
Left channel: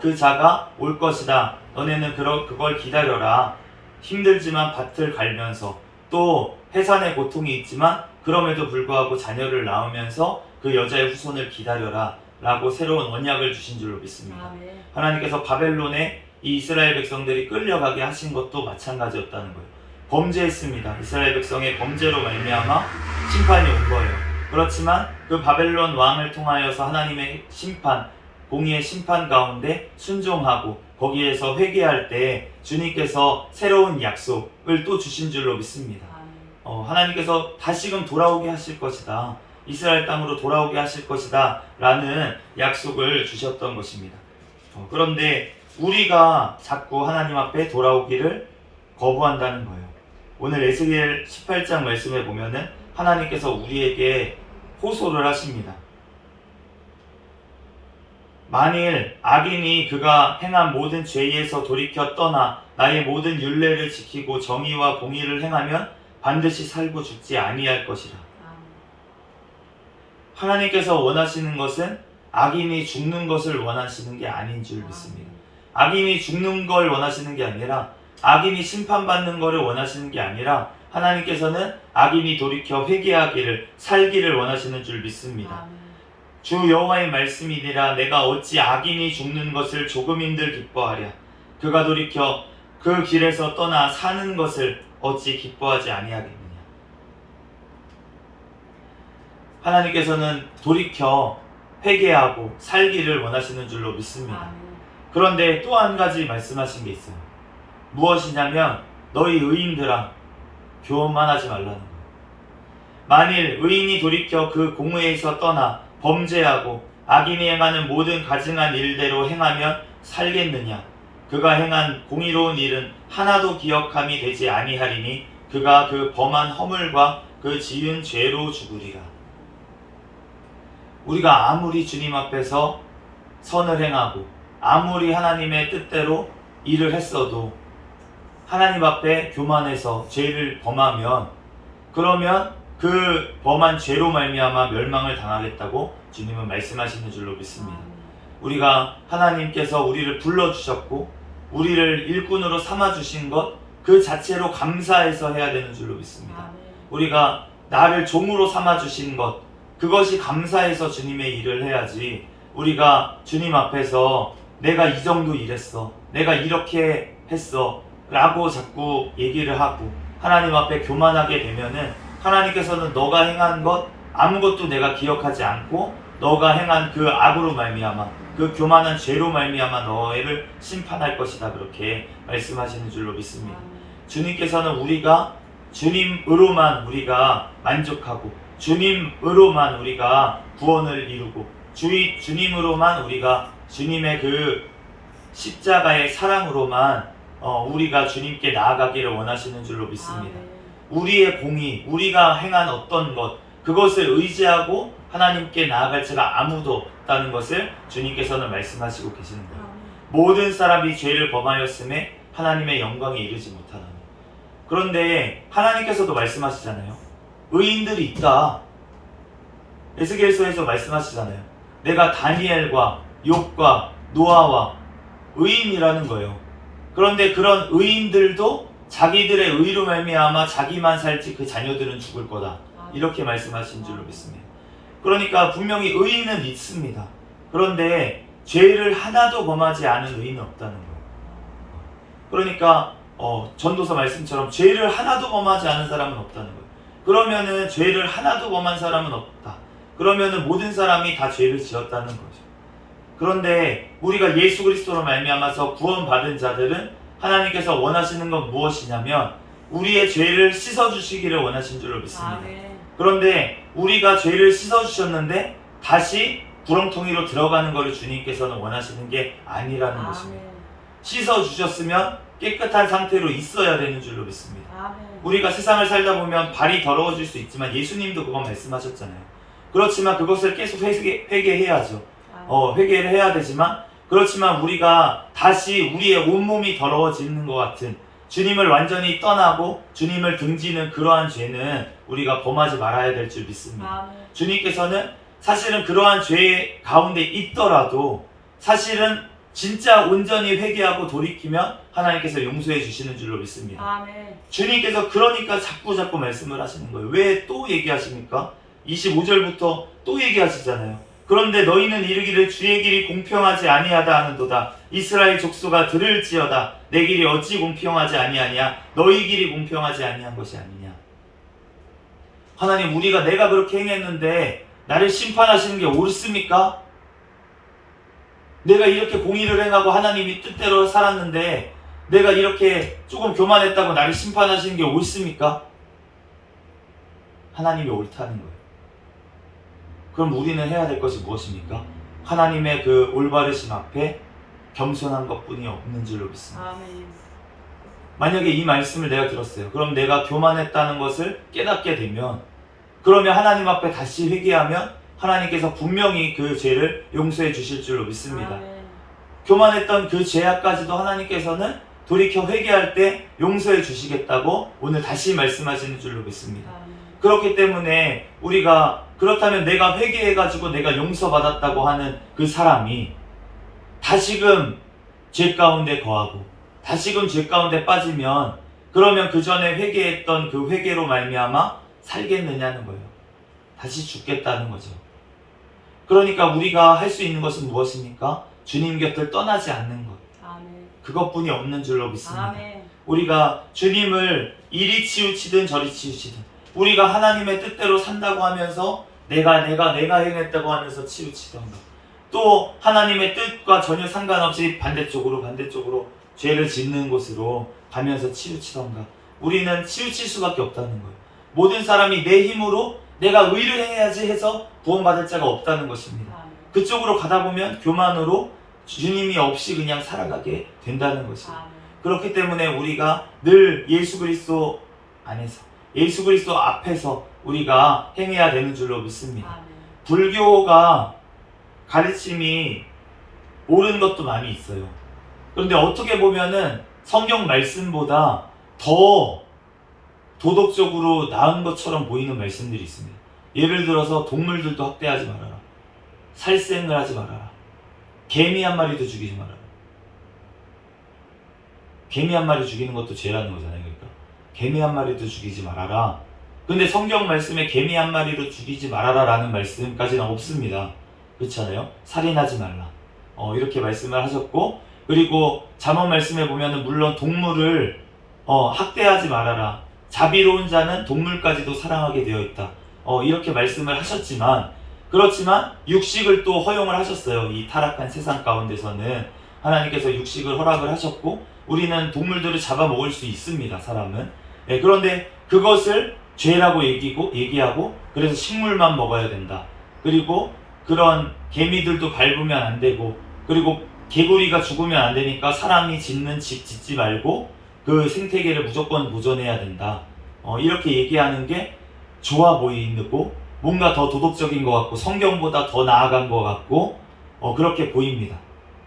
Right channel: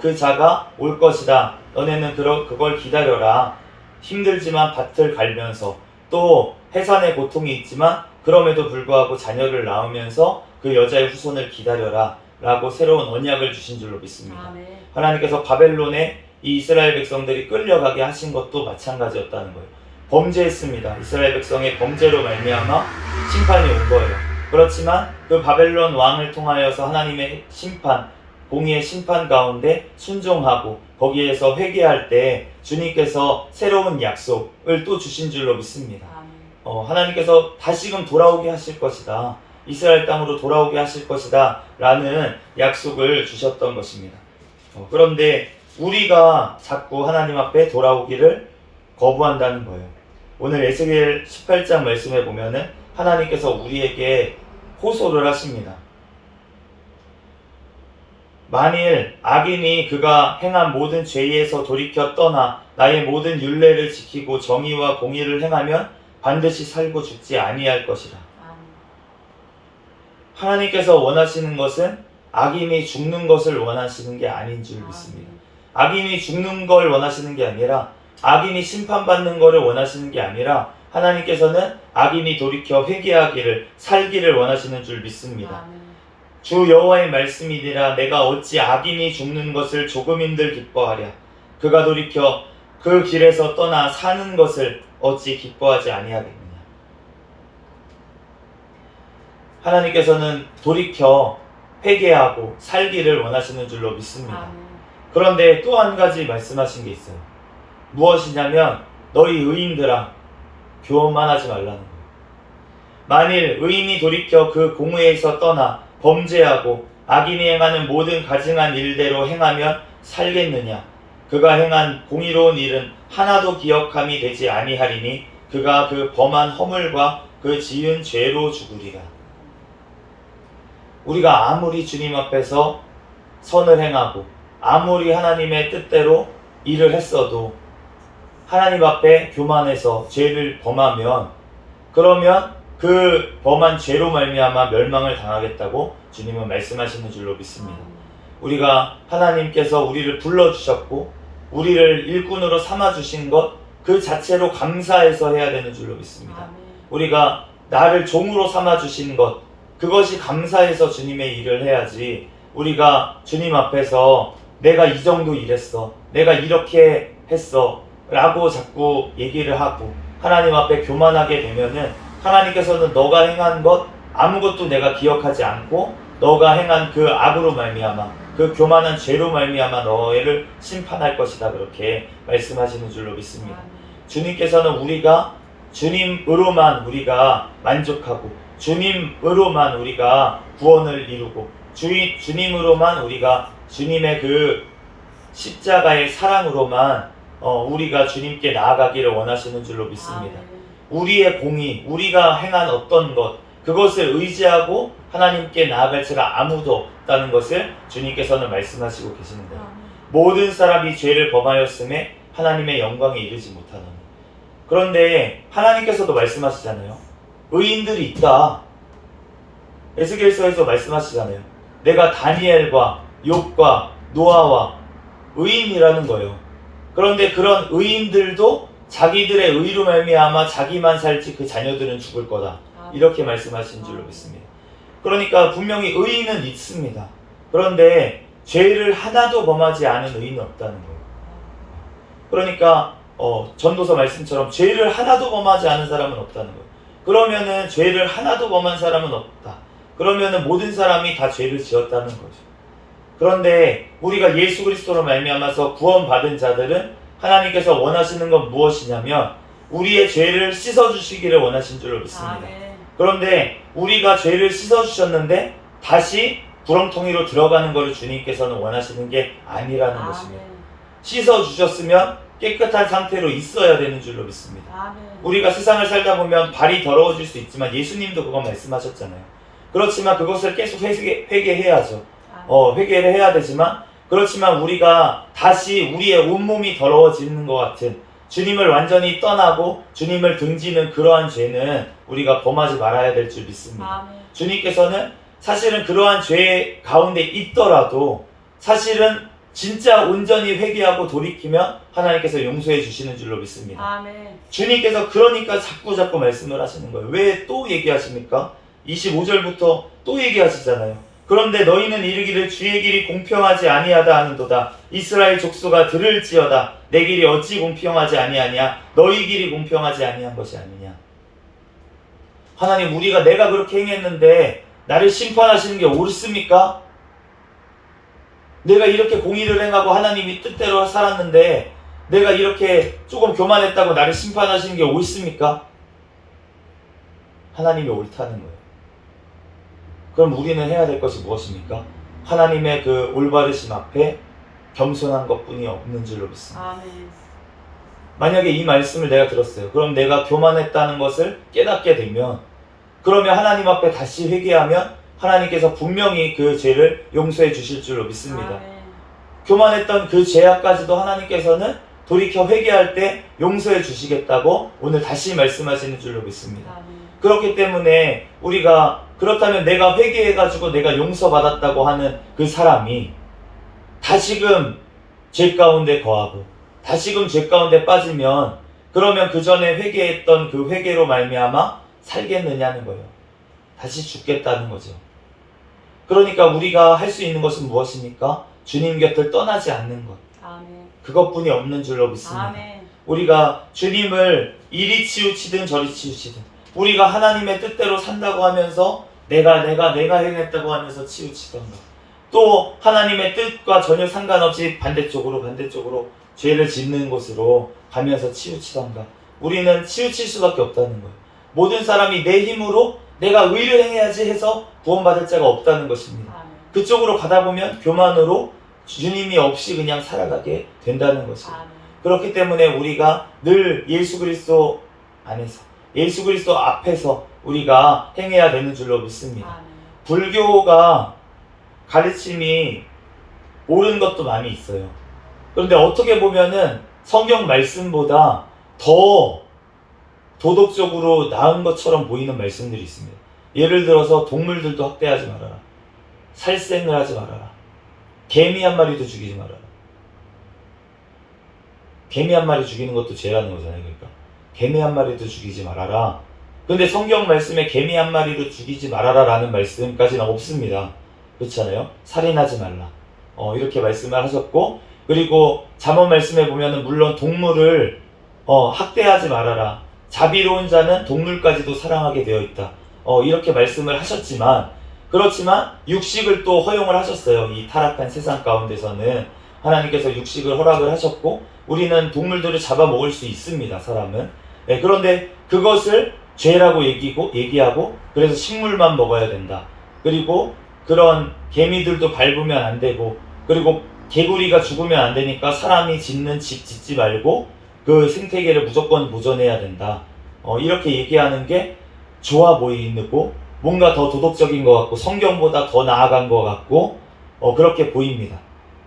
그 자가 올 것이다. 너네는 그걸 기다려라. 힘들지만 밭을 갈면서 또 해산의 고통이 있지만 그럼에도 불구하고 자녀를 낳으면서 그 여자의 후손을 기다려라 라고 새로운 언약을 주신 줄로 믿습니다. 아멘. 하나님께서 바벨론에 이 이스라엘 백성들이 끌려가게 하신 것도 마찬가지였다는 거예요. 범죄했습니다. 이스라엘 백성의 범죄로 말미암아 심판이 온 거예요. 그렇지만 그 바벨론 왕을 통하여서 하나님의 심판, 공의의 심판 가운데 순종하고 거기에서 회개할 때 주님께서 새로운 약속을 또 주신 줄로 믿습니다. 하나님께서 다시금 돌아오게 하실 것이다. 이스라엘 땅으로 돌아오게 하실 것이다 라는 약속을 주셨던 것입니다. 그런데 우리가 자꾸 하나님 앞에 돌아오기를 거부한다는 거예요. 오늘 에스겔 18장 말씀에 보면은 하나님께서 우리에게 호소를 하십니다. 만일 악인이 그가 행한 모든 죄에서 돌이켜 떠나 나의 모든 율례를 지키고 정의와 공의를 행하면 반드시 살고 죽지 아니할 것이다. 하나님께서 원하시는 것은 악인이 죽는 것을 원하시는 게 아닌 줄 믿습니다. 악인이 죽는 걸 원하시는 게 아니라 악인이 심판받는 것을 원하시는 게 아니라 하나님께서는 악인이 돌이켜 회개하기를 살기를 원하시는 줄 믿습니다. 주 여호와의 말씀이니라 내가 어찌 악인이 죽는 것을 조금인들 기뻐하랴. 그가 돌이켜 그 길에서 떠나 사는 것을 어찌 기뻐하지 아니하겠느냐. 하나님께서는 돌이켜 회개하고 살기를 원하시는 줄로 믿습니다. 그런데 또 한 가지 말씀하신 게 있어요. 무엇이냐면 너희 의인들아 교만만 하지 말라는 거예요. 만일 의인이 돌이켜 그 공의에서 떠나 범죄하고 악인이 행하는 모든 가증한 일대로 행하면 살겠느냐. 그가 행한 공의로운 일은 하나도 기억함이 되지 아니하리니 그가 그 범한 허물과 그 지은 죄로 죽으리라. 우리가 아무리 주님 앞에서 선을 행하고 아무리 하나님의 뜻대로 일을 했어도 하나님 앞에 교만해서 죄를 범하면 그러면 그 범한 죄로 말미암아 멸망을 당하겠다고 주님은 말씀하시는 줄로 믿습니다. 우리가 하나님께서 우리를 불러주셨고 우리를 일꾼으로 삼아주신 것 그 자체로 감사해서 해야 되는 줄로 믿습니다. 우리가 나를 종으로 삼아주신 것 그것이 감사해서 주님의 일을 해야지 우리가 주님 앞에서 내가 이 정도 일했어 내가 이렇게 했어 라고 자꾸 얘기를 하고 하나님 앞에 교만하게 되면은 하나님께서는 너가 행한 것 아무것도 내가 기억하지 않고 너가 행한 그 악으로 말미암아 그 교만한 죄로 말미암아 너를 심판할 것이다 그렇게 말씀하시는 줄로 믿습니다. 주님께서는 우리가 주님으로만 우리가 만족하고 주님으로만 우리가 구원을 이루고 주님으로만 우리가 주님의 그 십자가의 사랑으로만 우리가 주님께 나아가기를 원하시는 줄로 믿습니다. 우리의 공의, 우리가 행한 어떤 것 그것을 의지하고 하나님께 나아갈 자가 아무도 없다는 것을 주님께서는 말씀하시고 계시는 거예요. 모든 사람이 죄를 범하였음에 하나님의 영광에 이르지 못하다. 그런데 하나님께서도 말씀하시잖아요. 의인들이 있다. 에스겔서에서 말씀하시잖아요. 내가 다니엘과 욥과 노아와 의인이라는 거예요. 그런데 그런 의인들도 자기들의 의로 말미암아 자기만 살지 그 자녀들은 죽을 거다. 이렇게 말씀하신 줄로 믿습니다. 그러니까 분명히 의인은 있습니다. 그런데 죄를 하나도 범하지 않은 의인은 없다는 거예요. 그러니까 전도서 말씀처럼 죄를 하나도 범하지 않은 사람은 없다는 거예요. 그러면은 죄를 하나도 범한 사람은 없다. 그러면은 모든 사람이 다 죄를 지었다는 거죠. 그런데 우리가 예수 그리스도로 말미암아서 구원받은 자들은 하나님께서 원하시는 건 무엇이냐면 우리의 죄를 씻어주시기를 원하신 줄로 믿습니다. 그런데 우리가 죄를 씻어주셨는데 다시 구렁텅이로 들어가는 것을 주님께서는 원하시는 게 아니라는 것입니다. 씻어주셨으면 깨끗한 상태로 있어야 되는 줄로 믿습니다. 우리가 세상을 살다 보면 발이 더러워질 수 있지만 예수님도 그거 말씀하셨잖아요. 그렇지만 그것을 계속 회개해야죠. 회개를 해야 되지만 그렇지만 우리가 다시 우리의 온몸이 더러워지는 것 같은 주님을 완전히 떠나고 주님을 등지는 그러한 죄는 우리가 범하지 말아야 될 줄 믿습니다. 주님께서는 사실은 그러한 죄 가운데 있더라도 사실은 진짜 온전히 회개하고 돌이키면 하나님께서 용서해 주시는 줄로 믿습니다. 주님께서 그러니까 자꾸 말씀을 하시는 거예요. 왜 또 얘기하십니까? 25절부터 또 얘기하시잖아요. 그런데 너희는 이르기를 주의 길이 공평하지 아니하다 하는도다. 이스라엘 족속아 들을지어다. 내 길이 어찌 공평하지 아니하냐? 너희 길이 공평하지 아니한 것이 아니냐? 하나님, 우리가 내가 그렇게 행했는데 나를 심판하시는 게 옳습니까? 내가 이렇게 공의를 행하고 하나님이 뜻대로 살았는데 내가 이렇게 조금 교만했다고 나를 심판하시는 게 옳습니까? 하나님이 옳다는 거예요. 그럼 우리는 해야 될 것이 무엇입니까? 하나님의 그 올바르심 앞에 겸손한 것뿐이 없는 줄로 믿습니다. 아멘. 만약에 이 말씀을 내가 들었어요. 그럼 내가 교만했다는 것을 깨닫게 되면, 그러면 하나님 앞에 다시 회개하면 하나님께서 분명히 그 죄를 용서해 주실 줄로 믿습니다. 아멘. 교만했던 그 죄악까지도 하나님께서는 돌이켜 회개할 때 용서해 주시겠다고 오늘 다시 말씀하시는 줄로 믿습니다. 아멘. 그렇기 때문에 우리가, 그렇다면 내가 회개해가지고 내가 용서받았다고 하는 그 사람이 다시금 죄 가운데 거하고 다시금 죄 가운데 빠지면, 그러면 그 전에 회개했던 그 회개로 말미암아 살겠느냐는 거예요. 다시 죽겠다는 거죠. 그러니까 우리가 할 수 있는 것은 무엇입니까? 주님 곁을 떠나지 않는 것. 아멘. 그것뿐이 없는 줄로 믿습니다. 아멘. 우리가 주님을 이리 치우치든 저리 치우치든, 우리가 하나님의 뜻대로 산다고 하면서 내가 행했다고 하면서 치우치던가, 또 하나님의 뜻과 전혀 상관없이 반대쪽으로 죄를 짓는 곳으로 가면서 치우치던가, 우리는 치우칠 수밖에 없다는 거예요. 모든 사람이 내 힘으로 내가 의를 행해야지 해서 구원받을 자가 없다는 것입니다. 아멘. 그쪽으로 가다 보면 교만으로 주님이 없이 그냥 살아가게 된다는 것이에요. 아멘. 그렇기 때문에 우리가 늘 예수 그리스도 안에서, 예수 그리스도 앞에서 우리가 행해야 되는 줄로 믿습니다. 아멘. 불교가 가르침이 옳은 것도 많이 있어요. 그런데 어떻게 보면은 성경 말씀보다 더 도덕적으로 나은 것처럼 보이는 말씀들이 있습니다. 예를 들어서 동물들도 학대하지 말아라, 살생을 하지 말아라, 개미 한 마리도 죽이지 말아라. 개미 한 마리 죽이는 것도 죄라는 거잖아요. 그러니까 개미 한 마리도 죽이지 말아라. 근데 성경 말씀에 개미 한 마리도 죽이지 말아라 라는 말씀까지는 없습니다. 그렇잖아요. 살인하지 말라, 이렇게 말씀을 하셨고, 그리고 잠언 말씀에 보면은 물론 동물을 학대하지 말아라, 자비로운 자는 동물까지도 사랑하게 되어 있다, 이렇게 말씀을 하셨지만, 그렇지만 육식을 또 허용을 하셨어요. 이 타락한 세상 가운데서는 하나님께서 육식을 허락을 하셨고, 우리는 동물들을 잡아먹을 수 있습니다, 사람은. 그런데 그것을 죄라고 얘기하고, 그래서 식물만 먹어야 된다. 그리고 그런 개미들도 밟으면 안 되고, 그리고 개구리가 죽으면 안 되니까 사람이 짓는 집 짓지 말고 그 생태계를 무조건 보존해야 된다. 이렇게 얘기하는 게 좋아 보이고 뭔가 더 도덕적인 것 같고 성경보다 더 나아간 것 같고 그렇게 보입니다.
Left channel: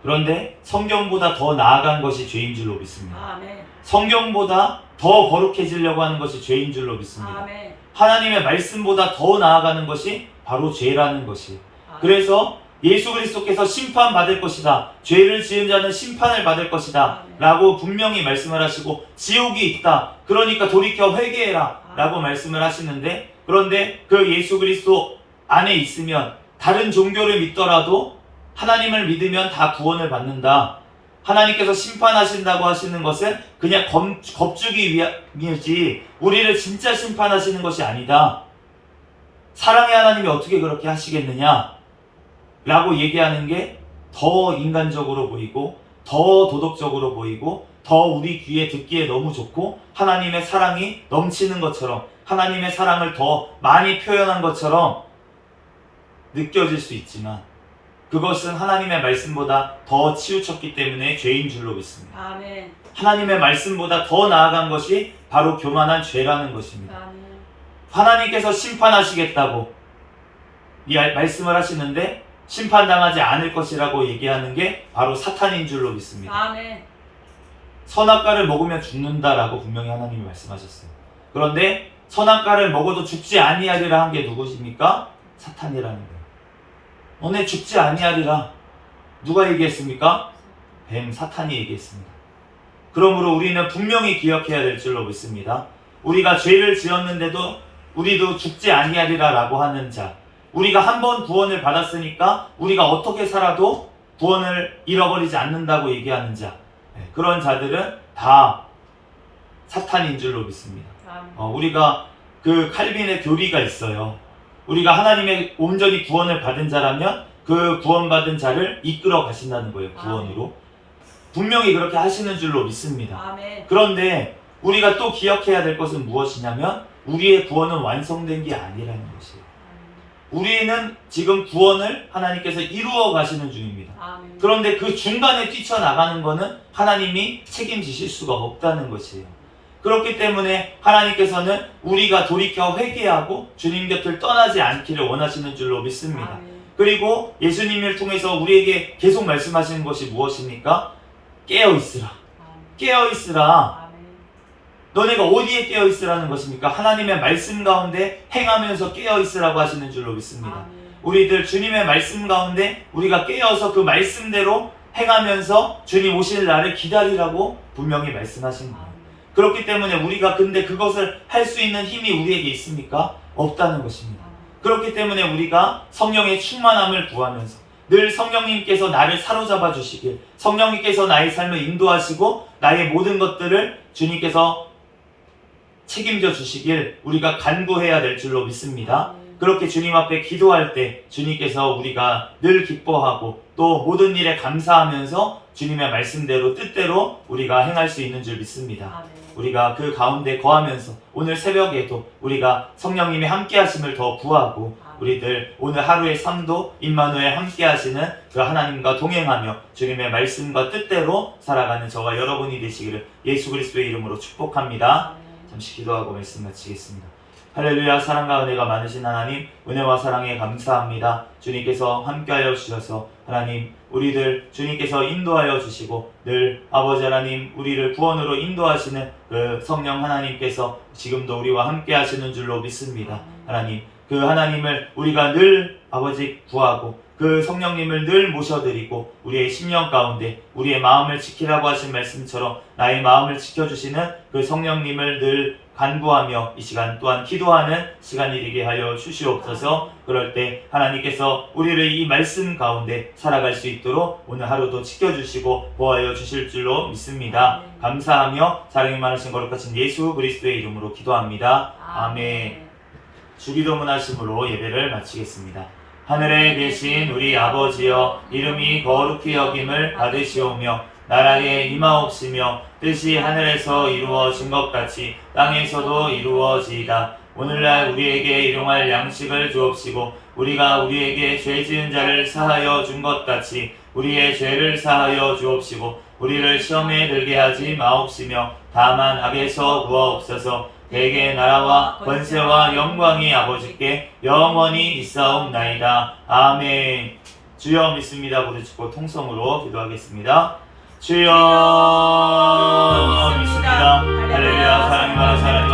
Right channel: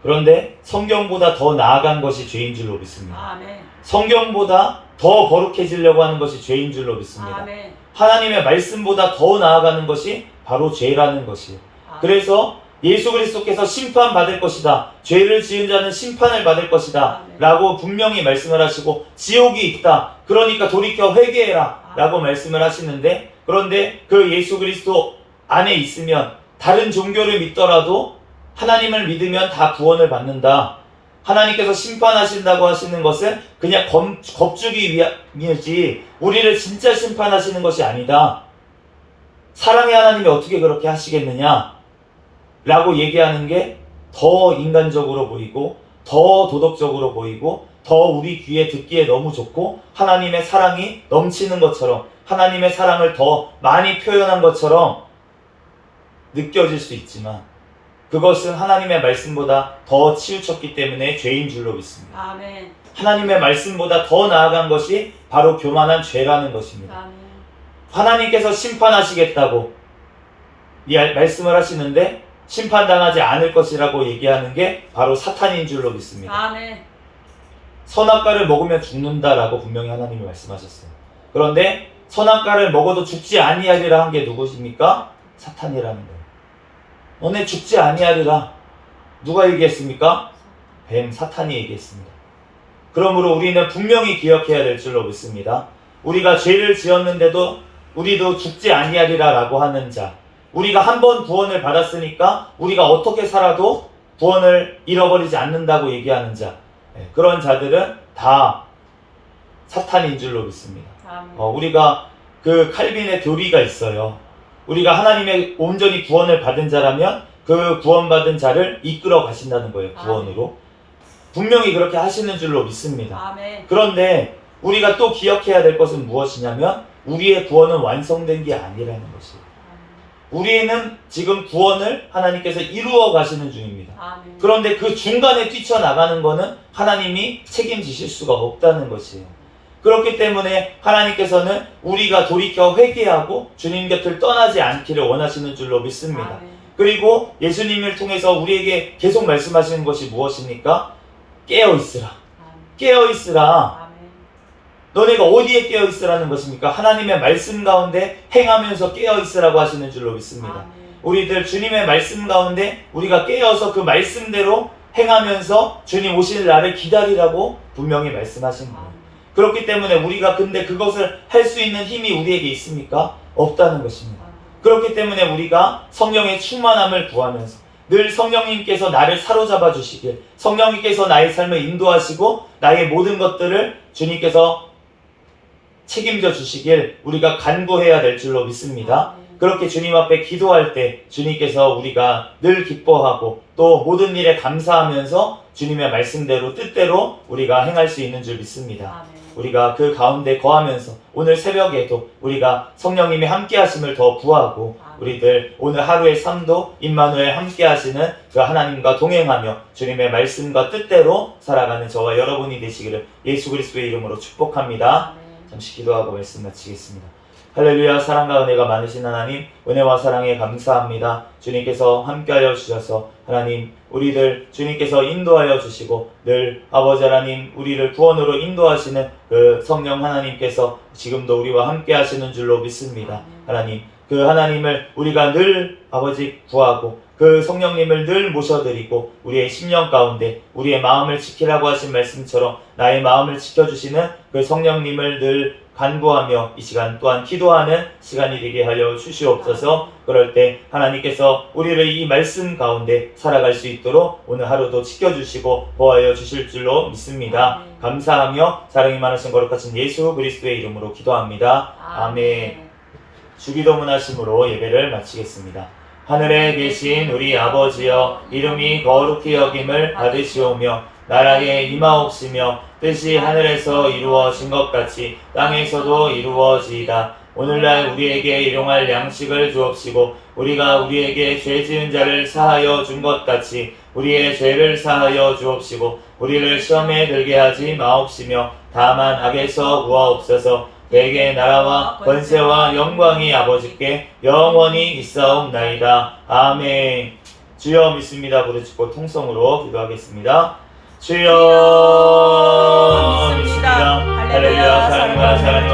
그런데 성경보다 더 나아간 것이 죄인 줄로 믿습니다. 아멘. 성경보다 더 거룩해지려고 하는 것이 죄인 줄로 믿습니다. 아멘. 하나님의 말씀보다 더 나아가는 것이 바로 죄라는 것이에요. 아멘. 그래서 예수 그리스도께서 심판받을 것이다, 죄를 지은 자는 심판을 받을 것이다 아멘. 라고 분명히 말씀을 하시고, 지옥이 있다, 그러니까 돌이켜 회개해라 라고 말씀을 하시는데, 그런데 그 예수 그리스도 안에 있으면 다른 종교를 믿더라도 하나님을 믿으면 다 구원을 받는다, 하나님께서 심판하신다고 하시는 것은 그냥 겁주기 위함이지 우리를 진짜 심판하시는 것이 아니다. 사랑의 하나님이 어떻게 그렇게 하시겠느냐 라고 얘기하는 게 더 인간적으로 보이고 더 도덕적으로 보이고 더 우리 귀에 듣기에 너무 좋고, 하나님의 사랑이 넘치는 것처럼, 하나님의 사랑을 더 많이 표현한 것처럼 느껴질 수 있지만, 그것은 하나님의 말씀보다 더 치우쳤기 때문에 죄인 줄로 믿습니다. 아멘. 하나님의 말씀보다 더 나아간 것이 바로 교만한 죄라는 것입니다. 아멘. 하나님께서 심판하시겠다고 말씀을 하시는데 심판당하지 않을 것이라고 얘기하는 게 바로 사탄인 줄로 믿습니다. 아멘. 선악과를 먹으면 죽는다라고 분명히 하나님이 말씀하셨어요. 그런데 선악과를 먹어도 죽지 아니하리라 한 게 누구십니까? 사탄이라는 거예요. 너네 죽지 아니하리라. 누가 얘기했습니까? 뱀, 사탄이 얘기했습니다. 그러므로 우리는 분명히 기억해야 될 줄로 믿습니다. 우리가 죄를 지었는데도 우리도 죽지 아니하리라 라고 하는 자, 우리가 한 번 구원을 받았으니까 우리가 어떻게 살아도 구원을 잃어버리지 않는다고 얘기하는 자, 그런 자들은 다 사탄인 줄로 믿습니다. 아멘. 우리가 그 칼빈의 교리가 있어요. 우리가 하나님의 온전히 구원을 받은 자라면 그 구원받은 자를 이끌어 가신다는 거예요. 구원으로. 분명히 그렇게 하시는 줄로 믿습니다. 아멘. 그런데 우리가 또 기억해야 될 것은 무엇이냐면 우리의 구원은 완성된 게 아니라는 것이에요. 우리는 지금 구원을 하나님께서 이루어 가시는 중입니다. 아멘. 그런데 그 중간에 뛰쳐나가는 것은 하나님이 책임지실 수가 없다는 것이에요. 그렇기 때문에 하나님께서는 우리가 돌이켜 회개하고 주님 곁을 떠나지 않기를 원하시는 줄로 믿습니다. 아멘. 그리고 예수님을 통해서 우리에게 계속 말씀하시는 것이 무엇입니까? 깨어있으라. 아멘. 깨어있으라. 아멘. 너네가 어디에 깨어있으라는 것입니까? 하나님의 말씀 가운데 행하면서 깨어있으라고 하시는 줄로 믿습니다. 아멘. 우리들 주님의 말씀 가운데 우리가 깨어서 그 말씀대로 행하면서 주님 오실 날을 기다리라고 분명히 말씀하신 거예요. 아멘. 그렇기 때문에 우리가 근데 그것을 할 수 있는 힘이 우리에게 있습니까? 없다는 것입니다. 아멘. 그렇기 때문에 우리가 성령의 충만함을 구하면서 늘 성령님께서 나를 사로잡아 주시길, 성령님께서 나의 삶을 인도하시고 나의 모든 것들을 주님께서 책임져 주시길 우리가 간구해야 될 줄로 믿습니다. 아멘. 그렇게 주님 앞에 기도할 때 주님께서 우리가 늘 기뻐하고 또 모든 일에 감사하면서 주님의 말씀대로 뜻대로 우리가 행할 수 있는 줄 믿습니다. 아멘. 우리가 그 가운데 거하면서 오늘 새벽에도 우리가 성령님이 함께 하심을 더 구하고 우리들 오늘 하루의 삶도 임마누엘 함께 하시는 그 하나님과 동행하며 주님의 말씀과 뜻대로 살아가는 저와 여러분이 되시기를 예수 그리스도의 이름으로 축복합니다. 아멘. 잠시 기도하고 말씀 마치겠습니다. 할렐루야. 사랑과 은혜가 많으신 하나님, 은혜와 사랑에 감사합니다. 주님께서 함께하여 주셔서 하나님 우리들 주님께서 인도하여 주시고 늘 아버지 하나님 우리를 구원으로 인도하시는 그 성령 하나님께서 지금도 우리와 함께 하시는 줄로 믿습니다. 하나님 그 하나님을 우리가 늘 아버지 구하고 그 성령님을 늘 모셔드리고 우리의 심령 가운데 우리의 마음을 지키라고 하신 말씀처럼 나의 마음을 지켜주시는 그 성령님을 늘 간구하며 이 시간 또한 기도하는 시간이 되게 하여 주시옵소서. 그럴 때 하나님께서 우리를 이 말씀 가운데 살아갈 수 있도록 오늘 하루도 지켜주시고 보호하여 주실 줄로 믿습니다. 감사하며 사랑이 많으신 거룩하신 예수 그리스도의 이름으로 기도합니다. 아멘. 주기도문 하심으로 예배를 마치겠습니다. 하늘에 계신 우리 아버지여, 이름이 거룩히 여김을 받으시오며 나라에 임하옵시며 뜻이 하늘에서 이루어진 것 같이 땅에서도 이루어지이다. 오늘날 우리에게 일용할 양식을 주옵시고 우리가 우리에게 죄 지은 자를 사하여 준 것 같이 우리의 죄를 사하여 주옵시고 우리를 시험에 들게 하지 마옵시며 다만 악에서 구하옵소서. 대개 나라와 권세와 영광이 아버지께 영원히 있사옵나이다. 아멘. 주여 믿습니다. 부르짖고 통성으로 기도하겠습니다. 주여 믿습니다. 할렐루야. 사랑이 많아 사랑이